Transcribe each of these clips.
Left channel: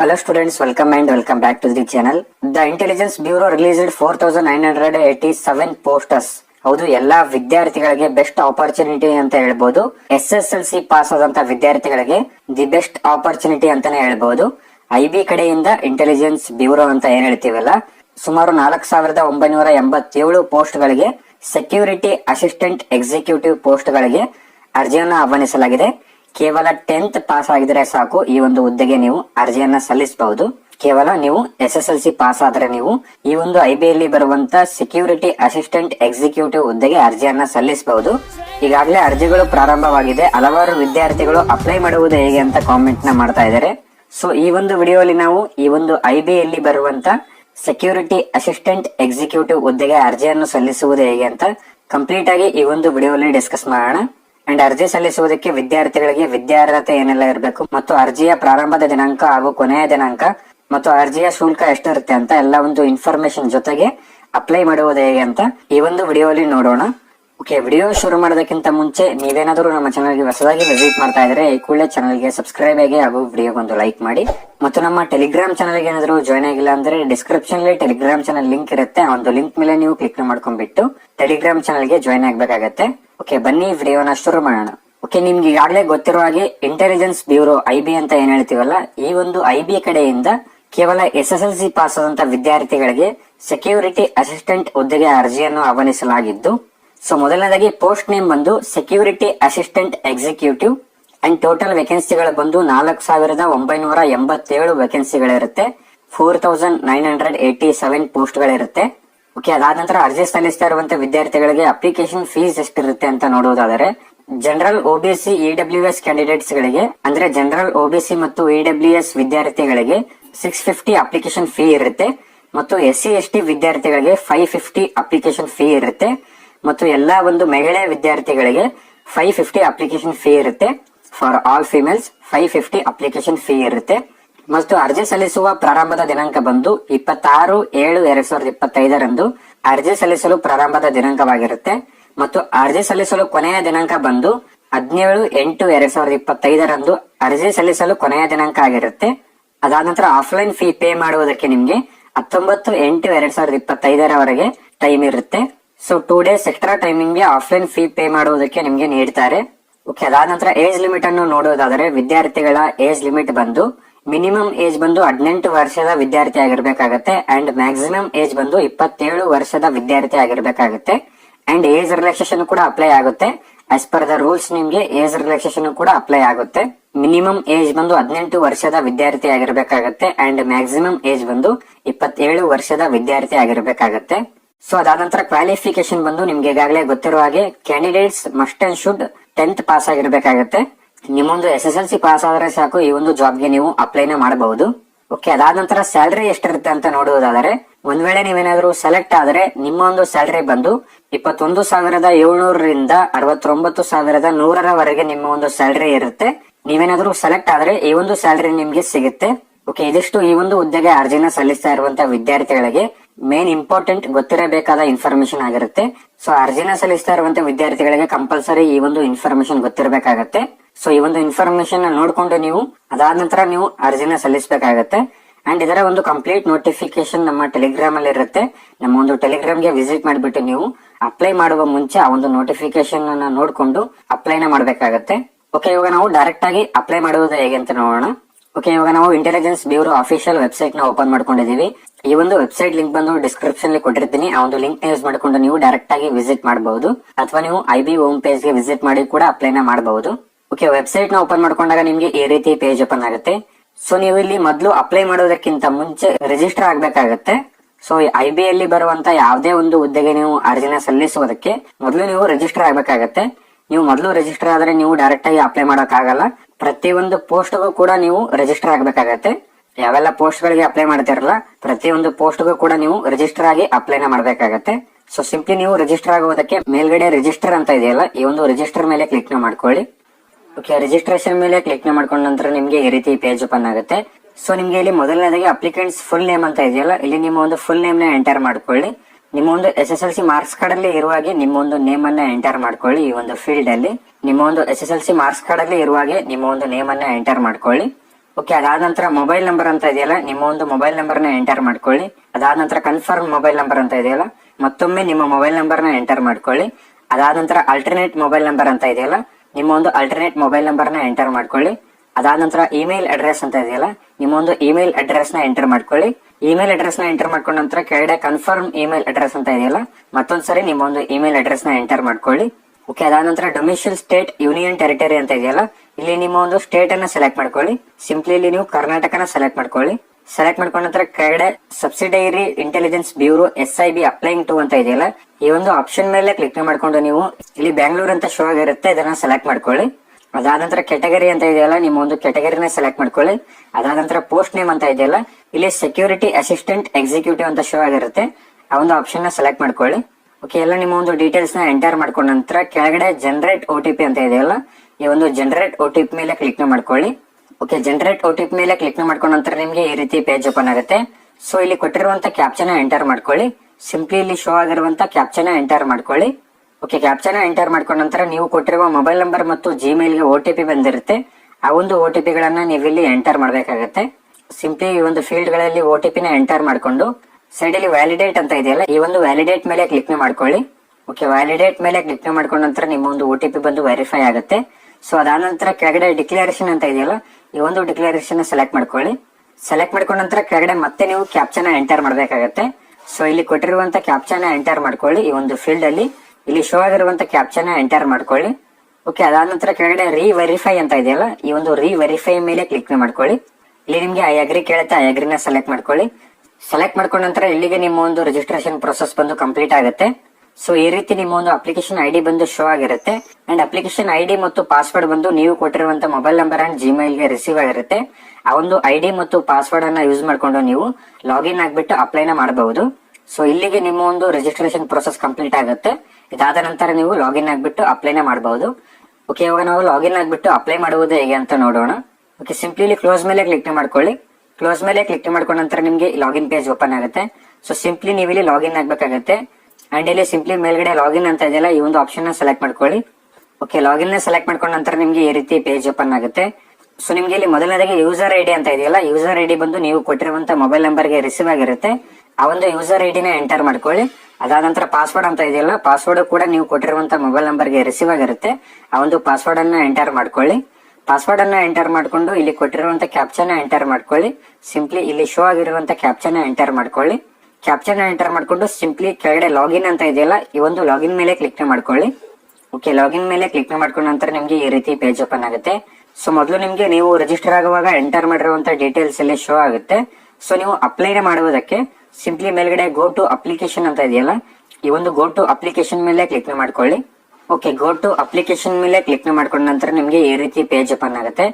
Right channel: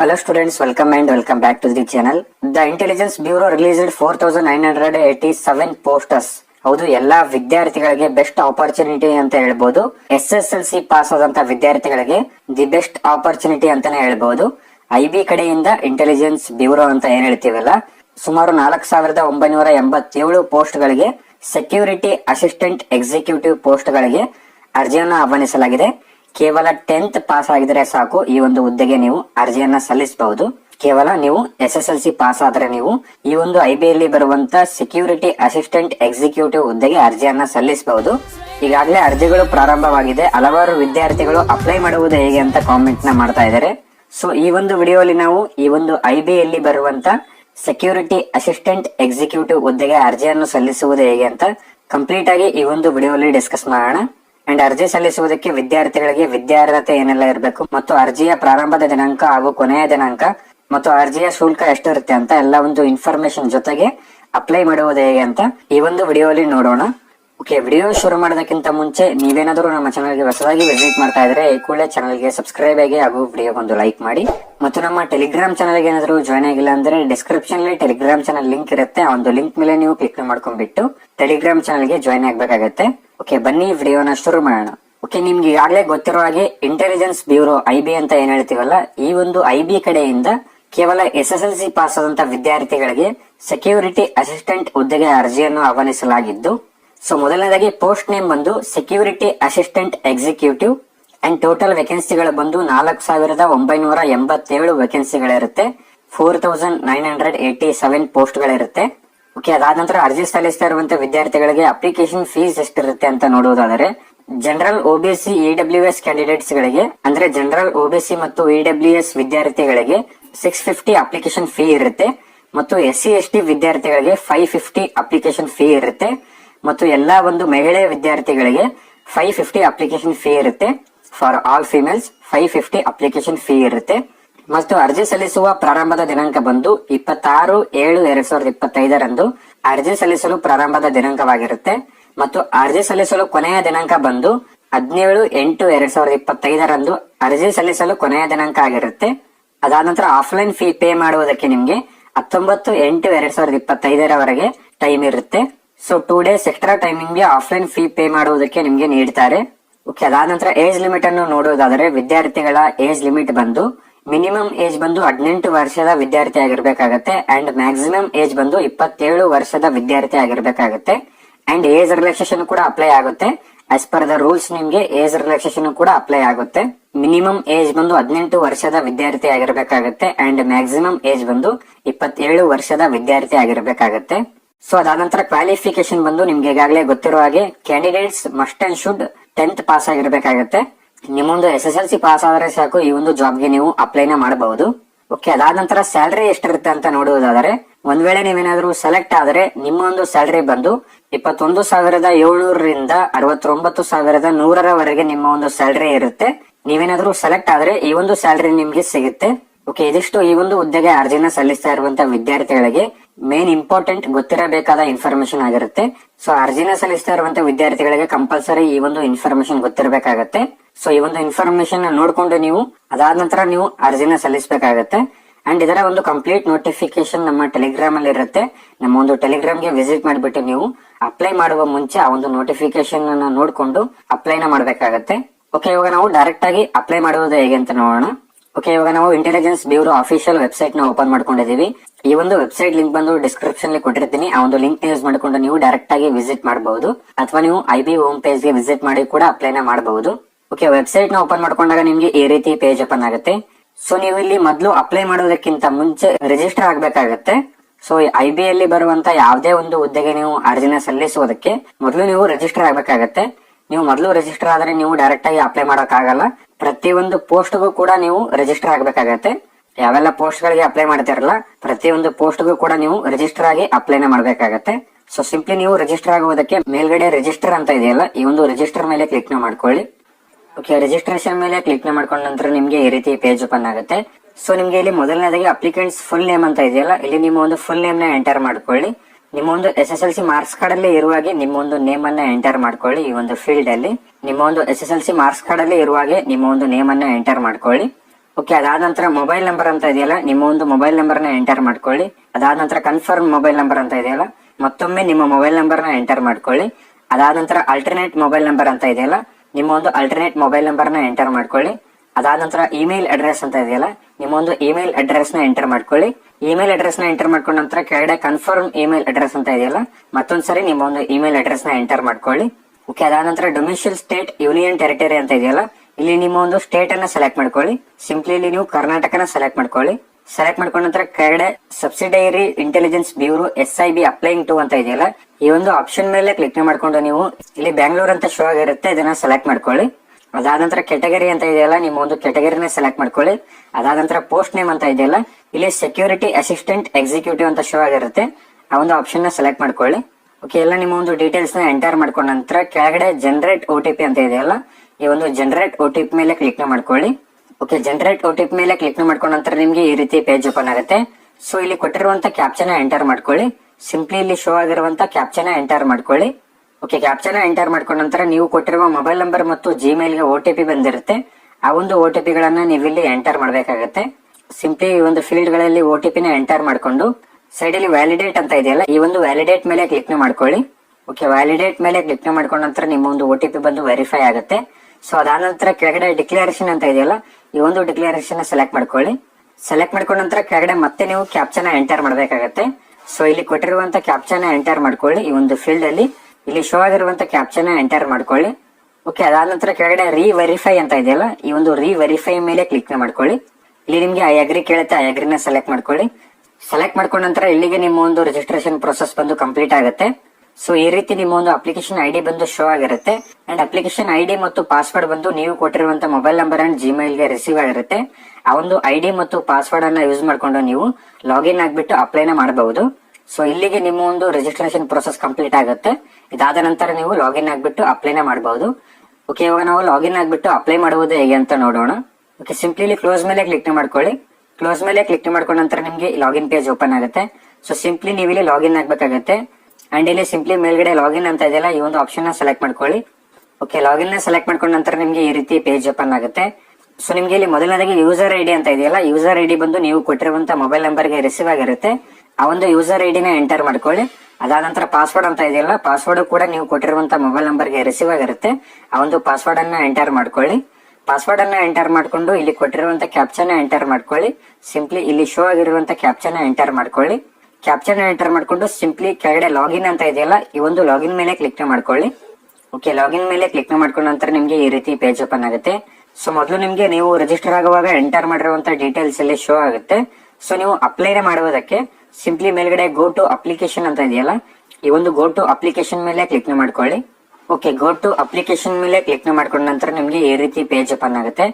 Hello students, welcome and welcome back to the channel. The Intelligence Bureau released 4987 posters. ಹೌದು ಎಲ್ಲಾ ವಿದ್ಯಾರ್ಥಿಗಳಿಗೆ best opportunity ಅಂತ ಹೇಳ್ಬೋದು S S L C pass ಆದಂತ ವಿದ್ಯಾರ್ಥಿಗಳಿಗೆ ದಿ ಬೆಸ್ಟ್ ಆಪರ್ಚುನಿಟಿ ಅಂತಾನೆ ಹೇಳ್ಬಹುದು ಐ ಬಿ ಕಡೆಯಿಂದ ಇಂಟೆಲಿಜೆನ್ಸ್ ಬ್ಯೂರೋ ಅಂತ ಏನ್ ಹೇಳ್ತೀವಲ್ಲ ಸುಮಾರು ನಾಲ್ಕು ಸಾವಿರದ ಒಂಬೈನೂರ ಎಂಬತ್ತೇಳು ಪೋಸ್ಟ್ ಗಳಿಗೆ ಸೆಕ್ಯೂರಿಟಿ ಅಸಿಸ್ಟೆಂಟ್ ಎಕ್ಸಿಕ್ಯೂಟಿವ್ ಪೋಸ್ಟ್ ಗಳಿಗೆ ಅರ್ಜಿಯನ್ನು ಆಹ್ವಾನಿಸಲಾಗಿದೆ ಕೇವಲ ಟೆಂತ್ ಪಾಸ್ ಆಗಿದ್ರೆ ಸಾಕು. ಈ ಒಂದು ಹುದ್ದೆಗೆ ನೀವು ಅರ್ಜಿಯನ್ನ ಸಲ್ಲಿಸಬಹುದು. ಕೇವಲ ನೀವು S S L C pass ಆದ್ರೆ ನೀವು ಈ ಒಂದು ಐ ಬಿ ಬರುವಂತ ಸೆಕ್ಯೂರಿಟಿ ಅಸಿಸ್ಟೆಂಟ್ ಎಕ್ಸಿಕ್ಯೂಟಿವ್ ಹುದ್ದೆಗೆ ಅರ್ಜಿಯನ್ನ ಸಲ್ಲಿಸಬಹುದು. ಈಗಾಗಲೇ ಅರ್ಜಿಗಳು ಪ್ರಾರಂಭವಾಗಿದೆ. ಹಲವಾರು ವಿದ್ಯಾರ್ಥಿಗಳು ಅಪ್ಲೈ ಮಾಡುವುದು ಹೇಗೆ ಅಂತ ಕಾಮೆಂಟ್ನ ಮಾಡ್ತಾ ಇದ್ದಾರೆ. ಸೊ ಈ ಒಂದು ವಿಡಿಯೋಲಿ ನಾವು ಈ ಒಂದು ಐ ಬಿ ಬರುವಂತ ಸೆಕ್ಯೂರಿಟಿ ಅಸಿಸ್ಟೆಂಟ್ ಎಕ್ಸಿಕ್ಯೂಟಿವ್ ಹುದ್ದೆಗೆ ಅರ್ಜಿಯನ್ನು ಸಲ್ಲಿಸುವುದು ಹೇಗೆ ಅಂತ ಕಂಪ್ಲೀಟ್ ಆಗಿ ಈ ಒಂದು ವಿಡಿಯೋಲಿ ಡಿಸ್ಕಸ್ ಮಾಡೋಣ. ಅಂಡ್ ಅರ್ಜಿ ಸಲ್ಲಿಸುವುದಕ್ಕೆ ವಿದ್ಯಾರ್ಥಿಗಳಿಗೆ ವಿದ್ಯಾರ್ಹತೆ ಏನೆಲ್ಲ ಇರಬೇಕು ಮತ್ತು ಅರ್ಜಿಯ ಪ್ರಾರಂಭದ ದಿನಾಂಕ ಹಾಗೂ ಕೊನೆಯ ದಿನಾಂಕ ಮತ್ತು ಅರ್ಜಿಯ ಶುಲ್ಕ ಎಷ್ಟಿರುತ್ತೆ ಅಂತ ಎಲ್ಲ ಒಂದು ಇನ್ಫಾರ್ಮೇಶನ್ ಜೊತೆಗೆ ಅಪ್ಲೈ ಮಾಡುವುದು ಹೇಗೆ ಅಂತ ಈ ಒಂದು ವಿಡಿಯೋಲಿ ನೋಡೋಣ. ಓಕೆ ವಿಡಿಯೋ ಶುರು ಮಾಡೋದಕ್ಕಿಂತ ಮುಂಚೆ ನೀವೇನಾದರೂ ನಮ್ಮ ಚಾನಲ್ಗೆ ಹೊಸದಾಗಿ ವಿಸಿಟ್ ಮಾಡ್ತಾ ಇದ್ರೆ ಈ ಕೂಡಲೇ ಚಾನಲ್ಗೆ ಸಬ್ಸ್ಕ್ರೈಬ್ ಆಗಿ ಹಾಗೂ ವಿಡಿಯೋ ಒಂದು ಲೈಕ್ ಮಾಡಿ. ಮತ್ತು ನಮ್ಮ ಟೆಲಿಗ್ರಾಮ್ ಚಾನಲ್ಗೆ ಏನಾದರೂ ಜಾಯ್ನ್ ಆಗಿಲ್ಲ ಅಂದ್ರೆ ಡಿಸ್ಕ್ರಿಪ್ಷನ್ ಅಲ್ಲಿ ಟೆಲಿಗ್ರಾಮ್ ಚಾನಲ್ ಲಿಂಕ್ ಇರುತ್ತೆ. ಆ ಒಂದು ಲಿಂಕ್ ಮೇಲೆ ನೀವು ಕ್ಲಿಕ್ ಮಾಡ್ಕೊಂಡ್ಬಿಟ್ಟು ಟೆಲಿಗ್ರಾಮ್ ಚಾನಲ್ಗೆ ಜಾಯ್ನ್ ಆಗ್ಬೇಕಾಗತ್ತೆ. ಓಕೆ, ಬನ್ನಿ ವಿಡಿಯೋನ ಶುರು ಮಾಡೋಣ. ಓಕೆ, ನಿಮ್ಗೆ ಈಗಾಗಲೇ ಗೊತ್ತಿರೋ ಹಾಗೆ ಇಂಟೆಲಿಜೆನ್ಸ್ ಬ್ಯೂರೋ ಐ ಬಿ ಅಂತ ಏನ್ ಹೇಳ್ತೀವಲ್ಲ, ಈ ಒಂದು ಐ ಬಿ ಕಡೆಯಿಂದ ಕೇವಲ S S L C pass ಆದಂತ ವಿದ್ಯಾರ್ಥಿಗಳಿಗೆ ಸೆಕ್ಯೂರಿಟಿ ಅಸಿಸ್ಟೆಂಟ್ ಹುದ್ದೆಗೆ ಅರ್ಜಿಯನ್ನು ಆಹ್ವಾನಿಸಲಾಗಿದ್ದು ಸೊ ಮೊದಲನೇದಾಗಿ ಪೋಸ್ಟ್ ನೇಮ್ ಬಂದು security assistant executive and total ವೇಕೆನ್ಸಿಗಳು ಬಂದು ನಾಲ್ಕು ಸಾವಿರದ ಒಂಬೈನೂರ ಎಂಬತ್ತೇಳು ವೇಕೆನ್ಸಿಗಳಿರುತ್ತೆ four thousand nine hundred eighty seven post ಗಳಿರುತ್ತೆ. Okay ಅದಾದ ನಂತರ ಅರ್ಜಿ ಸಲ್ಲಿಸ್ತಾ ಇರುವಂತ ವಿದ್ಯಾರ್ಥಿಗಳಿಗೆ ಅಪ್ಲಿಕೇಶನ್ ಫೀಸ್ ಎಷ್ಟಿರುತ್ತೆ ಅಂತ ನೋಡುವುದಾದರೆ general OBC EW S candidates ಗಳಿಗೆ, ಅಂದ್ರೆ ಜನರಲ್ ಒಬಿಸಿ ಮತ್ತು ಇಡಬ್ಲ್ಯೂ ಎಸ್ ವಿದ್ಯಾರ್ಥಿಗಳಿಗೆ ಸಿಕ್ಸ್ ಫಿಫ್ಟಿ ಅಪ್ಲಿಕೇಶನ್ ಫೀ ಇರುತ್ತೆ, ಮತ್ತು ಎಸ್ ಸಿ ಎಸ್ ಟಿ ವಿದ್ಯಾರ್ಥಿಗಳಿಗೆ ಫೈವ್ ಫಿಫ್ಟಿ ಅಪ್ಲಿಕೇಶನ್ ಫೀ ಇರುತ್ತೆ, ಮತ್ತು ಎಲ್ಲಾ ಒಂದು ಮಹಿಳೆ ವಿದ್ಯಾರ್ಥಿಗಳಿಗೆ ಫೈವ್ ಫಿಫ್ಟಿ ಅಪ್ಲಿಕೇಶನ್ ಫೀ ಇರುತ್ತೆ. For all females five fifty application fee ಇರುತ್ತೆ. ಮತ್ತು ಅರ್ಜಿ ಸಲ್ಲಿಸುವ ಪ್ರಾರಂಭದ ದಿನಾಂಕ ಬಂದು ಇಪ್ಪತ್ತಾರು ಏಳು ಎರಡ್ ಸಾವಿರದ ಇಪ್ಪತ್ತೈದರಂದು ಅರ್ಜಿ ಸಲ್ಲಿಸಲು ಪ್ರಾರಂಭದ ದಿನಾಂಕವಾಗಿರುತ್ತೆ. ಮತ್ತು ಅರ್ಜಿ ಸಲ್ಲಿಸಲು ಕೊನೆಯ ದಿನಾಂಕ ಬಂದು ಹದಿನೇಳು ಎಂಟು ಎರಡ್ ಸಾವಿರದ ಇಪ್ಪತ್ತೈದರಂದು ಅರ್ಜಿ ಸಲ್ಲಿಸಲು ಕೊನೆಯ ದಿನಾಂಕ ಆಗಿರುತ್ತೆ. ಅದಾದ ನಂತರ ಆಫ್ಲೈನ್ ಫೀ ಪೇ ಮಾಡುವುದಕ್ಕೆ ನಿಮ್ಗೆ ಹತ್ತೊಂಬತ್ತು ಎಂಟು ಎರಡ್ ಸಾವಿರದ ಇಪ್ಪತ್ತೈದರವರೆಗೆ ಟೈಮ್ ಇರುತ್ತೆ. So two days extra timing offline fee pay ಮಾಡುವುದಕ್ಕೆ ನಿಮ್ಗೆ ನೀಡ್ತಾರೆ. ಓಕೆ, ಅದಾದ ನಂತರ ಏಜ್ ಲಿಮಿಟ್ ಅನ್ನು ನೋಡುವುದಾದರೆ ವಿದ್ಯಾರ್ಥಿಗಳ ಏಜ್ ಲಿಮಿಟ್ ಬಂದು ಮಿನಿಮಮ್ ಏಜ್ ಬಂದು ಹದಿನೆಂಟು ವರ್ಷದ ವಿದ್ಯಾರ್ಥಿ ಆಗಿರ್ಬೇಕಾಗತ್ತೆ ಅಂಡ್ ಮ್ಯಾಕ್ಸಿಮಮ್ ಏಜ್ ಬಂದು ಇಪ್ಪತ್ತೇಳು ವರ್ಷದ ವಿದ್ಯಾರ್ಥಿ ಆಗಿರ್ಬೇಕಾಗತ್ತೆ. ಅಂಡ್ ಏಜ್ ರಿಲ್ಯಾಕ್ಸೇಷನ್ ಕೂಡ ಅಪ್ಲೈ ಆಗುತ್ತೆ. ಆಸ್ ಪರ್ ದ ರೂಲ್ಸ್ ನಿಮ್ಗೆ ಏಜ್ ರಿಲ್ಯಾಕ್ಸೇಷನ್ ಕೂಡ ಅಪ್ಲೈ ಆಗುತ್ತೆ. ಮಿನಿಮಮ್ ಏಜ್ ಬಂದು ಹದಿನೆಂಟು ವರ್ಷದ ವಿದ್ಯಾರ್ಥಿ ಆಗಿರ್ಬೇಕಾಗತ್ತೆ ಅಂಡ್ ಮ್ಯಾಕ್ಸಿಮಮ್ ಏಜ್ ಬಂದು ಇಪ್ಪತ್ತೇಳು ವರ್ಷದ ವಿದ್ಯಾರ್ಥಿ ಆಗಿರ್ಬೇಕಾಗತ್ತೆ. ಸೊ ಅದಾದ ನಂತರ ಕ್ವಾಲಿಫಿಕೇಶನ್ ಬಂದು ನಿಮ್ಗೆ ಈಗಾಗಲೇ ಗೊತ್ತಿರುವ ಹಾಗೆ candidates must and should tenth pass ಆಗಿರ್ಬೇಕಾಗತ್ತೆ. ನಿಮ್ಮೊಂದು S S L C pass ಆದ್ರೆ ಸಾಕು, ಈ ಒಂದು ಜಾಬ್ಗೆ ನೀವು ಅಪ್ಲೈನ ಮಾಡಬಹುದು ಓಕೆ ಅದಾದ ನಂತರ ಸ್ಯಾಲರಿ ಎಷ್ಟಿರುತ್ತೆ ಅಂತ ನೋಡುವುದಾದರೆ, ಒಂದ್ ವೇಳೆ ನೀವೇನಾದ್ರೂ ಸೆಲೆಕ್ಟ್ ಆದ್ರೆ ನಿಮ್ಮ ಒಂದು ಸ್ಯಾಲರಿ ಬಂದು ಇಪ್ಪತ್ತೊಂದು ಸಾವಿರದ ಏಳ್ನೂರರಿಂದ ಅರವತ್ತೊಂಬತ್ತು ಸಾವಿರದ ನೂರರವರೆಗೆ ನಿಮ್ಮ ಒಂದು ಸ್ಯಾಲರಿ ಇರುತ್ತೆ. ನೀವೇನಾದ್ರೂ ಸೆಲೆಕ್ಟ್ ಆದ್ರೆ ಈ ಒಂದು ಸ್ಯಾಲರಿ ನಿಮ್ಗೆ ಸಿಗುತ್ತೆ. ಓಕೆ ಇದಿಷ್ಟು ಈ ಒಂದು ಹುದ್ದೆಗೆ ಅರ್ಜಿನ ಸಲ್ಲಿಸ್ತಾ ಇರುವಂತಹ ವಿದ್ಯಾರ್ಥಿಗಳಿಗೆ ಮೇನ್ ಇಂಪಾರ್ಟೆಂಟ್ ಗೊತ್ತಿರಬೇಕಾದ ಇನ್ಫಾರ್ಮೇಶನ್ ಆಗಿರುತ್ತೆ. ಸೊ ಅರ್ಜಿನ ಸಲ್ಲಿಸ್ತಾ ಇರುವಂತ ವಿದ್ಯಾರ್ಥಿಗಳಿಗೆ ಕಂಪಲ್ಸರಿ ಈ ಒಂದು ಇನ್ಫಾರ್ಮೇಶನ್ ಗೊತ್ತಿರಬೇಕಾಗತ್ತೆ. ಸೊ ಈ ಒಂದು ಇನ್ಫಾರ್ಮೇಶನ್ ನೋಡ್ಕೊಂಡು ನೀವು, ಅದಾದ ನಂತರ ನೀವು ಅರ್ಜಿನ ಸಲ್ಲಿಸಬೇಕಾಗತ್ತೆ. ಅಂಡ್ ಇದರ ಒಂದು ಕಂಪ್ಲೀಟ್ ನೋಟಿಫಿಕೇಶನ್ ನಮ್ಮ ಟೆಲಿಗ್ರಾಮ್ ಅಲ್ಲಿ ಇರುತ್ತೆ. ನಮ್ಮ ಒಂದು ಟೆಲಿಗ್ರಾಮ್ಗೆ ವಿಸಿಟ್ ಮಾಡಿಬಿಟ್ಟು ನೀವು ಅಪ್ಲೈ ಮಾಡುವ ಮುಂಚೆ ಆ ಒಂದು ನೋಟಿಫಿಕೇಶನ್ ಅನ್ನ ನೋಡ್ಕೊಂಡು ಅಪ್ಲೈನ ಮಾಡಬೇಕಾಗತ್ತೆ. ಓಕೆ ಇವಾಗ ನಾವು ಡೈರೆಕ್ಟ್ ಆಗಿ ಅಪ್ಲೈ ಮಾಡುವುದು ಹೇಗೆ ಅಂತ ನೋಡೋಣ. ಓಕೆ ಇವಾಗ ನಾವು ಇಂಟೆಲಿಜೆನ್ಸ್ ಬ್ಯೂರೋ ಅಫಿಷಿಯಲ್ ವೆಬ್ಸೈಟ್ನ ಓಪನ್ ಮಾಡ್ಕೊಂಡಿದೀವಿ ಈ ಒಂದು ವೆಬ್ಸೈಟ್ ಲಿಂಕ್ ಬಂದು ಡಿಸ್ಕ್ರಿಪ್ಷನ್ ಕೊಟ್ಟಿರ್ತೀನಿ. ಆ ಒಂದು ಲಿಂಕ್ ಯೂಸ್ ಮಾಡ್ಕೊಂಡು ನೀವು ಡೈರೆಕ್ಟ್ ಆಗಿ ವಿಸಿಟ್ ಮಾಡಬಹುದು ಅಥವಾ ನೀವು ಐ ಬಿ ಹೋಮ್ ಪೇಜ್ಗೆ ವಿಸಿಟ್ ಮಾಡಿ ಕೂಡ ಅಪ್ಲೈನ ಮಾಡಬಹುದು ಓಕೆ ವೆಬ್ಸೈಟ್ನ ಓಪನ್ ಮಾಡ್ಕೊಂಡಾಗ ನಿಮ್ಗೆ ಈ ರೀತಿ ಪೇಜ್ ಓಪನ್ ಆಗುತ್ತೆ. ಸೊ ನೀವು ಇಲ್ಲಿ ಮೊದಲು ಅಪ್ಲೈ ಮಾಡೋದಕ್ಕಿಂತ ಮುಂಚೆ ರಿಜಿಸ್ಟರ್ ಆಗ್ಬೇಕಾಗತ್ತೆ. ಸೊ ಐ ಬಿ ಅಲ್ಲಿ ಬರುವಂತ ಯಾವುದೇ ಒಂದು ಹುದ್ದೆಗೆ ನೀವು ಅರ್ಜಿನ ಸಲ್ಲಿಸುವುದಕ್ಕೆ ಮೊದಲು ನೀವು ರಿಜಿಸ್ಟರ್ ಆಗ್ಬೇಕಾಗತ್ತೆ. ನೀವು ಮೊದಲು ರಿಜಿಸ್ಟರ್ ಆದ್ರೆ ನೀವು ಡೈರೆಕ್ಟ್ ಆಗಿ ಅಪ್ಲೈ ಮಾಡೋಕ್ಕಾಗಲ್ಲ. ಪ್ರತಿಯೊಂದು ಪೋಸ್ಟ್ಗೂ ಕೂಡ ನೀವು ರಿಜಿಸ್ಟರ್ ಆಗ್ಬೇಕಾಗತ್ತೆ. ಯಾವೆಲ್ಲ ಪೋಸ್ಟ್ ಗಳಿಗೆ ಅಪ್ಲೈ ಮಾಡ್ತಿರಲ್ಲ, ಪ್ರತಿಯೊಂದು ಪೋಸ್ಟ್ಗೂ ಕೂಡ ನೀವು ರಿಜಿಸ್ಟರ್ ಆಗಿ ಅಪ್ಲೈನ ಮಾಡ್ಬೇಕಾಗತ್ತೆ. ಸೊ ಸಿಂಪ್ಲಿ ನೀವು ರಿಜಿಸ್ಟರ್ ಆಗುವುದಕ್ಕೆ ಮೇಲ್ಗಡೆ ರಿಜಿಸ್ಟರ್ ಅಂತ ಇದೆಯಲ್ಲ, ಈ ಒಂದು ರಿಜಿಸ್ಟರ್ ಮೇಲೆ ಕ್ಲಿಕ್ನ ಮಾಡ್ಕೊಳ್ಳಿ. ಓಕೆ ರಿಜಿಸ್ಟ್ರೇಷನ್ ಮೇಲೆ ಕ್ಲಿಕ್ ಮಾಡ್ಕೊಂಡ ನಂತರ ನಿಮಗೆ ಈ ರೀತಿ ಪೇಜ್ ಓಪನ್ ಆಗುತ್ತೆ. ಸೊ ನಿಮ್ಗೆ ಇಲ್ಲಿ ಮೊದಲನೇದಾಗಿ ಅಪ್ಲಿಕೆಂಟ್ಸ್ ಫುಲ್ ನೇಮ್ ಅಂತ ಇದೆಯಲ್ಲ, ಇಲ್ಲಿ ನಿಮ್ಮ ಒಂದು ಫುಲ್ ನೇಮ್ನ ಎಂಟರ್ ಮಾಡ್ಕೊಳ್ಳಿ. ನಿಮ್ಮ ಒಂದು S S L C marks card ಅಲ್ಲಿ ಇರುವಾಗೆ ನಿಮ್ಮ ಒಂದು ನೇಮ್ ಅನ್ನ ಎಂಟರ್ ಮಾಡ್ಕೊಳ್ಳಿ ಈ ಒಂದು ಫೀಲ್ಡ್ ಅಲ್ಲಿ. ನಿಮ್ಮ ಒಂದು S S L C marks card ಅಲ್ಲಿ ಇರುವಾಗೆ ನಿಮ್ಮ ಒಂದು ನೇಮ್ ಅನ್ನ ಎಂಟರ್ ಮಾಡ್ಕೊಳ್ಳಿ. ಓಕೆ ಅದಾದ ನಂತರ ಮೊಬೈಲ್ ನಂಬರ್ ಅಂತ ಇದೆಯಲ್ಲ, ನಿಮ್ಮ ಒಂದು ಮೊಬೈಲ್ ನಂಬರ್ನ ಎಂಟರ್ ಮಾಡ್ಕೊಳ್ಳಿ. ಅದಾದ ನಂತರ ಕನ್ಫರ್ಮ್ ಮೊಬೈಲ್ ನಂಬರ್ ಅಂತ ಇದೆಯಲ್ಲ, ಮತ್ತೊಮ್ಮೆ ನಿಮ್ಮ ಮೊಬೈಲ್ ನಂಬರ್ನ ಎಂಟರ್ ಮಾಡ್ಕೊಳ್ಳಿ. ಅದಾದ ನಂತರ ಅಲ್ಟರ್ನೇಟ್ ಮೊಬೈಲ್ ನಂಬರ್ ಅಂತ ಇದೆಯಲ್ಲ ನಿಮ್ಮ ಒಂದು ಅಲ್ಟರ್ನೇಟ್ ಮೊಬೈಲ್ ನಂಬರ್ನ ಎಂಟರ್ ಮಾಡ್ಕೊಳ್ಳಿ. ಅದಾದ ನಂತರ ಇಮೇಲ್ ಅಡ್ರೆಸ್ ಅಂತ ಇದೆಯಲ್ಲ, ನಿಮ್ಮೊಂದು ಇಮೇಲ್ ಅಡ್ರೆಸ್ನ ಎಂಟರ್ ಮಾಡ್ಕೊಳ್ಳಿ. ಇಮೇಲ್ ಅಡ್ರೆಸ್ನ ಎಂಟರ್ ಮಾಡ್ಕೊಂಡ ನಂತರ ಕೆಳಗಡೆ ಕನ್ಫರ್ಮ್ ಇಮೇಲ್ ಅಡ್ರೆಸ್ ಅಂತ ಇದೆಯಲ್ಲ, ಮತ್ತೊಂದ್ಸರಿ ನಿಮ್ಮೊಂದು ಇಮೇಲ್ ಅಡ್ರೆಸ್ನ ಎಂಟರ್ ಮಾಡ್ಕೊಳ್ಳಿ. ಓಕೆ ಅದಾದ ನಂತರ ಡೊಮಿಷಿಯಲ್ ಸ್ಟೇಟ್ ಯೂನಿಯನ್ ಟೆರಿಟರಿ ಅಂತ ಇದೆಯಲ್ಲ, ಇಲ್ಲಿ ನಿಮ್ಮ ಒಂದು ಸ್ಟೇಟ್ ಅನ್ನ ಸೆಲೆಕ್ಟ್ ಮಾಡ್ಕೊಳ್ಳಿ. ಸಿಂಪ್ಲಿ ನೀವು ಕರ್ನಾಟಕನ ಸೆಲೆಕ್ಟ್ ಮಾಡ್ಕೊಳ್ಳಿ. ಸೆಲೆಕ್ಟ್ ಮಾಡ್ಕೊಂಡ ನಂತರ ಕೆಳಗಡೆ subsidiary intelligence bureau S I B applying to ಅಂತ ಇದೆಯಲ್ಲ, ಈ ಒಂದು ಆಪ್ಷನ್ ಮೇಲೆ ಕ್ಲಿಕ್ ಮಾಡ್ಕೊಂಡು ನೀವು ಇಲ್ಲಿ ಬ್ಯಾಂಗ್ಳೂರ್ ಅಂತ ಶೋ ಆಗಿರುತ್ತೆ, ಇದನ್ನ ಸೆಲೆಕ್ಟ್ ಮಾಡ್ಕೊಳ್ಳಿ. ಅದಾದ ನಂತರ ಕೆಟಗರಿ ಅಂತ ಇದೆಯಲ್ಲ, ನಿಮ್ಮ ಒಂದು ಕೆಟಗರಿನ ಸೆಲೆಕ್ಟ್ ಮಾಡ್ಕೊಳ್ಳಿ. ಅದಾದ ನಂತರ ಪೋಸ್ಟ್ ನೇಮ್ ಅಂತ ಇದೆಯಲ್ಲ, ಇಲ್ಲಿ ಸೆಕ್ಯೂರಿಟಿ ಅಸಿಸ್ಟೆಂಟ್ ಎಕ್ಸಿಕ್ಯೂಟಿವ್ ಅಂತ ಶೋ ಆಗಿರುತ್ತೆ, ಆ ಒಂದು ಆಪ್ಷನ್ನ ಸೆಲೆಕ್ಟ್ ಮಾಡ್ಕೊಳ್ಳಿ. ಓಕೆ ಎಲ್ಲ ನಿಮ್ಮ ಒಂದು ಡೀಟೇಲ್ಸ್ನ ಎಂಟರ್ ಮಾಡ್ಕೊಂಡ ನಂತರ ಕೆಳಗಡೆ ಜನರೇಟ್ ಓ ಅಂತ ಇದೆಯಲ್ಲ, ಈ ಒಂದು ಜನರೇಟ್ ಓ ಮೇಲೆ ಕ್ಲಿಕ್ ಮಾಡ್ಕೊಳ್ಳಿ. ಓಕೆ ಜನರೇಟ್ ಓ ಮೇಲೆ ಕ್ಲಿಕ್ ಮಾಡ್ಕೊಂಡು ನಂತರ ನಿಮ್ಗೆ ಈ ರೀತಿ ಪೇಜ್ ಓಪನ್ ಆಗುತ್ತೆ. ಸೊ ಇಲ್ಲಿ ಕೊಟ್ಟಿರುವಂತ ಕ್ಯಾಪ್ಚನ ಎಂಟರ್ ಮಾಡ್ಕೊಳ್ಳಿ. ಸಿಂಪ್ಲಿ ಇಲ್ಲಿ ಶೋ ಆಗಿರುವಂತ ಕ್ಯಾಪ್ಚನ ಎಂಟರ್ ಮಾಡ್ಕೊಳ್ಳಿ. ಓಕೆ ಕ್ಯಾಪ್ಚನ ಎಂಟರ್ ಮಾಡ್ಕೊಂಡ ನಂತರ ನೀವು ಕೊಟ್ಟಿರುವ ಮೊಬೈಲ್ ನಂಬರ್ ಮತ್ತು ಜಿಮೇಲ್ಗೆ ಒ ಟಿ ಪಿ ಬಂದಿರುತ್ತೆ. ಆ ಒಂದು ಓ ಟಿ ಪಿಗಳನ್ನ ನೀವು ಇಲ್ಲಿ ಎಂಟರ್ ಮಾಡಬೇಕಾಗುತ್ತೆ. ಸಿಂಪ್ಲಿ ಈ ಒಂದು ಫೀಲ್ಡ್ಗಳಲ್ಲಿ ಓ ಟಿ ಪಿನ ಎಂಟರ್ ಮಾಡ್ಕೊಂಡು ಸೈಡ್ ಇಲ್ಲಿ ವ್ಯಾಲಿಡೇಟ್ ಅಂತ ಇದೆಯಲ್ಲ, ಈ ಒಂದು ವ್ಯಾಲಿಡೇಟ್ ಮೇಲೆ ಕ್ಲಿಕ್ ಮಾಡ್ಕೊಳ್ಳಿ. ಓಕೆ ವ್ಯಾಲಿಡೇಟ್ ಮೇಲೆ ಕ್ಲಿಕ್ ಮಾಡ್ಕೊಂಡ ನಂತರ ನಿಮ್ಮ ಒಂದು ಓ ಟಿ ಪಿ ಬಂದು ವೆರಿಫೈ ಆಗುತ್ತೆ. ಸೊ ಅದಾದ ನಂತರ ಕೆಳಗಡೆ ಡಿಕ್ಲರೇಷನ್ ಅಂತ ಇದೆಯಲ್ಲ ಈ ಒಂದು ಡಿಕ್ಲರೇಷನ್ ಸೆಲೆಕ್ಟ್ ಮಾಡ್ಕೊಳ್ಳಿ. ಸೆಲೆಕ್ಟ್ ಮಾಡ್ಕೊಂಡ ನಂತರ ಕೆಳಗಡೆ ಮತ್ತೆ ನೀವು ಕ್ಯಾಪ್ಚನ ಎಂಟರ್ ಮಾಡಬೇಕಾಗತ್ತೆ. ಸೊ ಇಲ್ಲಿ ಕೊಟ್ಟಿರುವಂತ ಕ್ಯಾಪ್ಚನ ಎಂಟರ್ ಮಾಡ್ಕೊಳ್ಳಿ. ಈ ಒಂದು ಫೀಲ್ಡ್ ಅಲ್ಲಿ ಇಲ್ಲಿ ಶೋ ಆಗಿರುವಂತ ಕ್ಯಾಪ್ಚನ ಎಂಟರ್ ಮಾಡ್ಕೊಳ್ಳಿ. ಓಕೆ ಅದಾದ ನಂತರ ಕೆಳಗಡೆ ರೀ ವೆರಿಫೈ ಅಂತ ಇದೆಯಲ್ಲ, ಈ ಒಂದು ರೀ ವೆರಿಫೈ ಮೇಲೆ ಕ್ಲಿಕ್ ಮಾಡ್ಕೊಳ್ಳಿ. ಇಲ್ಲಿ ನಿಮ್ಗೆ ಐ ಅಗ್ರಿ ಕೇಳುತ್ತೆ ಐ ಅಗ್ರಿನ ಸೆಲೆಕ್ಟ್ ಮಾಡ್ಕೊಳ್ಳಿ. ಸೆಲೆಕ್ಟ್ ಮಾಡ್ಕೊಂಡ ನಂತರ ಇಲ್ಲಿಗೆ ನಿಮ್ಮ ಒಂದು ರಿಜಿಸ್ಟ್ರೇಷನ್ ಪ್ರೊಸೆಸ್ ಬಂದು ಕಂಪ್ಲೀಟ್ ಆಗುತ್ತೆ. ಸೊ ಈ ರೀತಿ ನಿಮ್ಮ ಒಂದು ಅಪ್ಲಿಕೇಶನ್ ಐಡಿ ಬಂದು ಶೋ ಆಗಿರುತ್ತೆ. ಅಂಡ್ ಅಪ್ಲಿಕೇಶನ್ ಐಡಿ ಮತ್ತು ಪಾಸ್ವರ್ಡ್ ಬಂದು ನೀವು ಕೊಟ್ಟಿರುವಂತ ಮೊಬೈಲ್ ನಂಬರ್ ಅಂಡ್ ಜಿಮೇಲ್ಗೆ ರಿಸೀವ್ ಆಗಿರುತ್ತೆ. ಆ ಒಂದು ಐಡಿ ಮತ್ತು ಪಾಸ್ವರ್ಡ್ ಅನ್ನ ಯೂಸ್ ಮಾಡ್ಕೊಂಡು ನೀವು ಲಾಗಿನ್ ಆಗಿಬಿಟ್ಟು ಅಪ್ಲೈನ ಮಾಡಬಹುದು. ಸೊ ಇಲ್ಲಿಗೆ ನಿಮ್ಮ ಒಂದು ರಿಜಿಸ್ಟ್ರೇಷನ್ ಪ್ರೊಸೆಸ್ ಕಂಪ್ಲೀಟ್ ಆಗುತ್ತೆ. ಇದಾದ ನಂತರ ನೀವು ಲಾಗಿನ್ ಆಗಿಬಿಟ್ಟು ಅಪ್ಲೈನ ಮಾಡಬಹುದು. ಓಕೆ ಇವಾಗ ನಾವು ಲಾಗಿನ್ ಆಗಿಬಿಟ್ಟು ಅಪ್ಲೈ ಮಾಡುವುದು ಹೇಗೆ ಅಂತ ನೋಡೋಣ. ಓಕೆ ಸಿಂಪ್ಲಿ ಕ್ಲೋಸ್ ಮೇಲೆ ಕ್ಲಿಕ್ ಮಾಡ್ಕೊಳ್ಳಿ. ಕ್ಲೋಸ್ ಮೇಲೆ ಕ್ಲಿಕ್ ಮಾಡ್ಕೊಂಡ ನಂತರ ನಿಮಗೆ ಲಾಗಿನ್ ಪೇಜ್ ಓಪನ್ ಆಗುತ್ತೆ. ಸೊ ಸಿಂಪ್ಲಿ ನೀವು ಇಲ್ಲಿ ಲಾಗಿನ್ ಆಗ್ಬೇಕಾಗತ್ತೆ. ಅಂಡ್ ಇಲ್ಲಿ ಸಿಂಪ್ಲಿ ಮೇಲ್ಗಡೆ ಲಾಗಿನ್ ಅಂತ ಇದೆಯಲ್ಲ, ಈ ಒಂದು ಆಪ್ಷನ್ನ ಸೆಲೆಕ್ಟ್ ಮಾಡ್ಕೊಳ್ಳಿ. ಓಕೆ ಲಾಗಿನ್ನ ಸೆಲೆಕ್ಟ್ ಮಾಡ್ಕೊಂಡ ನಂತರ ನಿಮಗೆ ಈ ರೀತಿ ಪೇಜ್ ಓಪನ್ ಆಗುತ್ತೆ. ಸೊ ನಿಮ್ಗೆ ಇಲ್ಲಿ ಮೊದಲನೇದಾಗಿ ಯೂಸರ್ ಐಡಿ ಅಂತ ಇದೆಯಲ್ಲ ಯೂಸರ್ ಐಡಿ ಬಂದು ನೀವು ಕೊಟ್ಟಿರುವಂತ ಮೊಬೈಲ್ ನಂಬರ್ಗೆ ರಿಸೀವ್ ಆಗಿರುತ್ತೆ. ಆ ಒಂದು ಯೂಸರ್ ಐಡಿನ ಎಂಟರ್ ಮಾಡ್ಕೊಳ್ಳಿ. ಅದಾದ ನಂತರ ಪಾಸ್ವರ್ಡ್ ಅಂತ ಇದೆಯಲ್ಲ ಪಾಸ್ವರ್ಡ್ ಕೂಡ ನೀವು ಕೊಟ್ಟಿರುವಂತ ಮೊಬೈಲ್ ನಂಬರ್ಗೆ ರಿಸೀವ್ ಆಗಿರುತ್ತೆ. ಆ ಒಂದು ಪಾಸ್ವರ್ಡ್ ಅನ್ನ ಎಂಟರ್ ಮಾಡ್ಕೊಳ್ಳಿ. ಪಾಸ್ವರ್ಡ್ ಅನ್ನ ಎಂಟರ್ ಮಾಡ್ಕೊಂಡು ಇಲ್ಲಿ ಕೊಟ್ಟಿರುವಂತ ನ ಎಂಟರ್ ಮಾಡ್ಕೊಳ್ಳಿ. ಸಿಂಪ್ಲಿ ಇಲ್ಲಿ ಶೋ ಆಗಿರುವಂತ ನ ಎಂಟರ್ ಮಾಡ್ಕೊಳ್ಳಿ. ಕ್ಯಾಪ್ಚನ್ ಎಂಟರ್ ಮಾಡಿಕೊಂಡು ಸಿಂಪ್ಲಿ ಕೆಳಗಡೆ ಲಾಗಿನ್ ಅಂತ ಇದೆಯಲ್ಲ, ಈ ಒಂದು ಲಾಗಿನ್ ಮೇಲೆ ಕ್ಲಿಕ್ ಮಾಡ್ಕೊಳ್ಳಿ. ಓಕೆ ಲಾಗಿನ್ ಮೇಲೆ ಕ್ಲಿಕ್ ಮಾಡ್ಕೊಂಡ ನಂತರ ನಿಮ್ಗೆ ಈ ರೀತಿ ಪೇಜ್ ಓಪನ್ ಆಗುತ್ತೆ. ಸೊ ಮೊದಲು ನಿಮ್ಗೆ ನೀವು ರಿಜಿಸ್ಟರ್ ಆಗುವಾಗ ಎಂಟರ್ ಮಾಡಿರುವಂತ ಡೀಟೇಲ್ಸ್ ಎಲ್ಲ ಶೋ ಆಗುತ್ತೆ. ಸೊ ನೀವು ಅಪ್ಲೈ ಮಾಡುವುದಕ್ಕೆ ಸಿಂಪ್ಲಿ ಮೇಲ್ಗಡೆ ಗೋ ಟು ಅಪ್ಲಿಕೇಶನ್ ಅಂತ ಇದೆಯಲ್ಲ, ಈ ಒಂದು ಗೋ ಟು ಅಪ್ಲಿಕೇಶನ್ ಮೇಲೆ ಕ್ಲಿಕ್ ಮಾಡ್ಕೊಳ್ಳಿ. ಓಕೆ ಗೋ ಟು ಅಪ್ಲಿಕೇಶನ್ ಮೇಲೆ ಕ್ಲಿಕ್ ಮಾಡ್ಕೊಂಡ ನಂತರ ನಿಮ್ಗೆ ಈ ರೀತಿ ಪೇಜ್ ಓಪನ್ ಆಗುತ್ತೆ.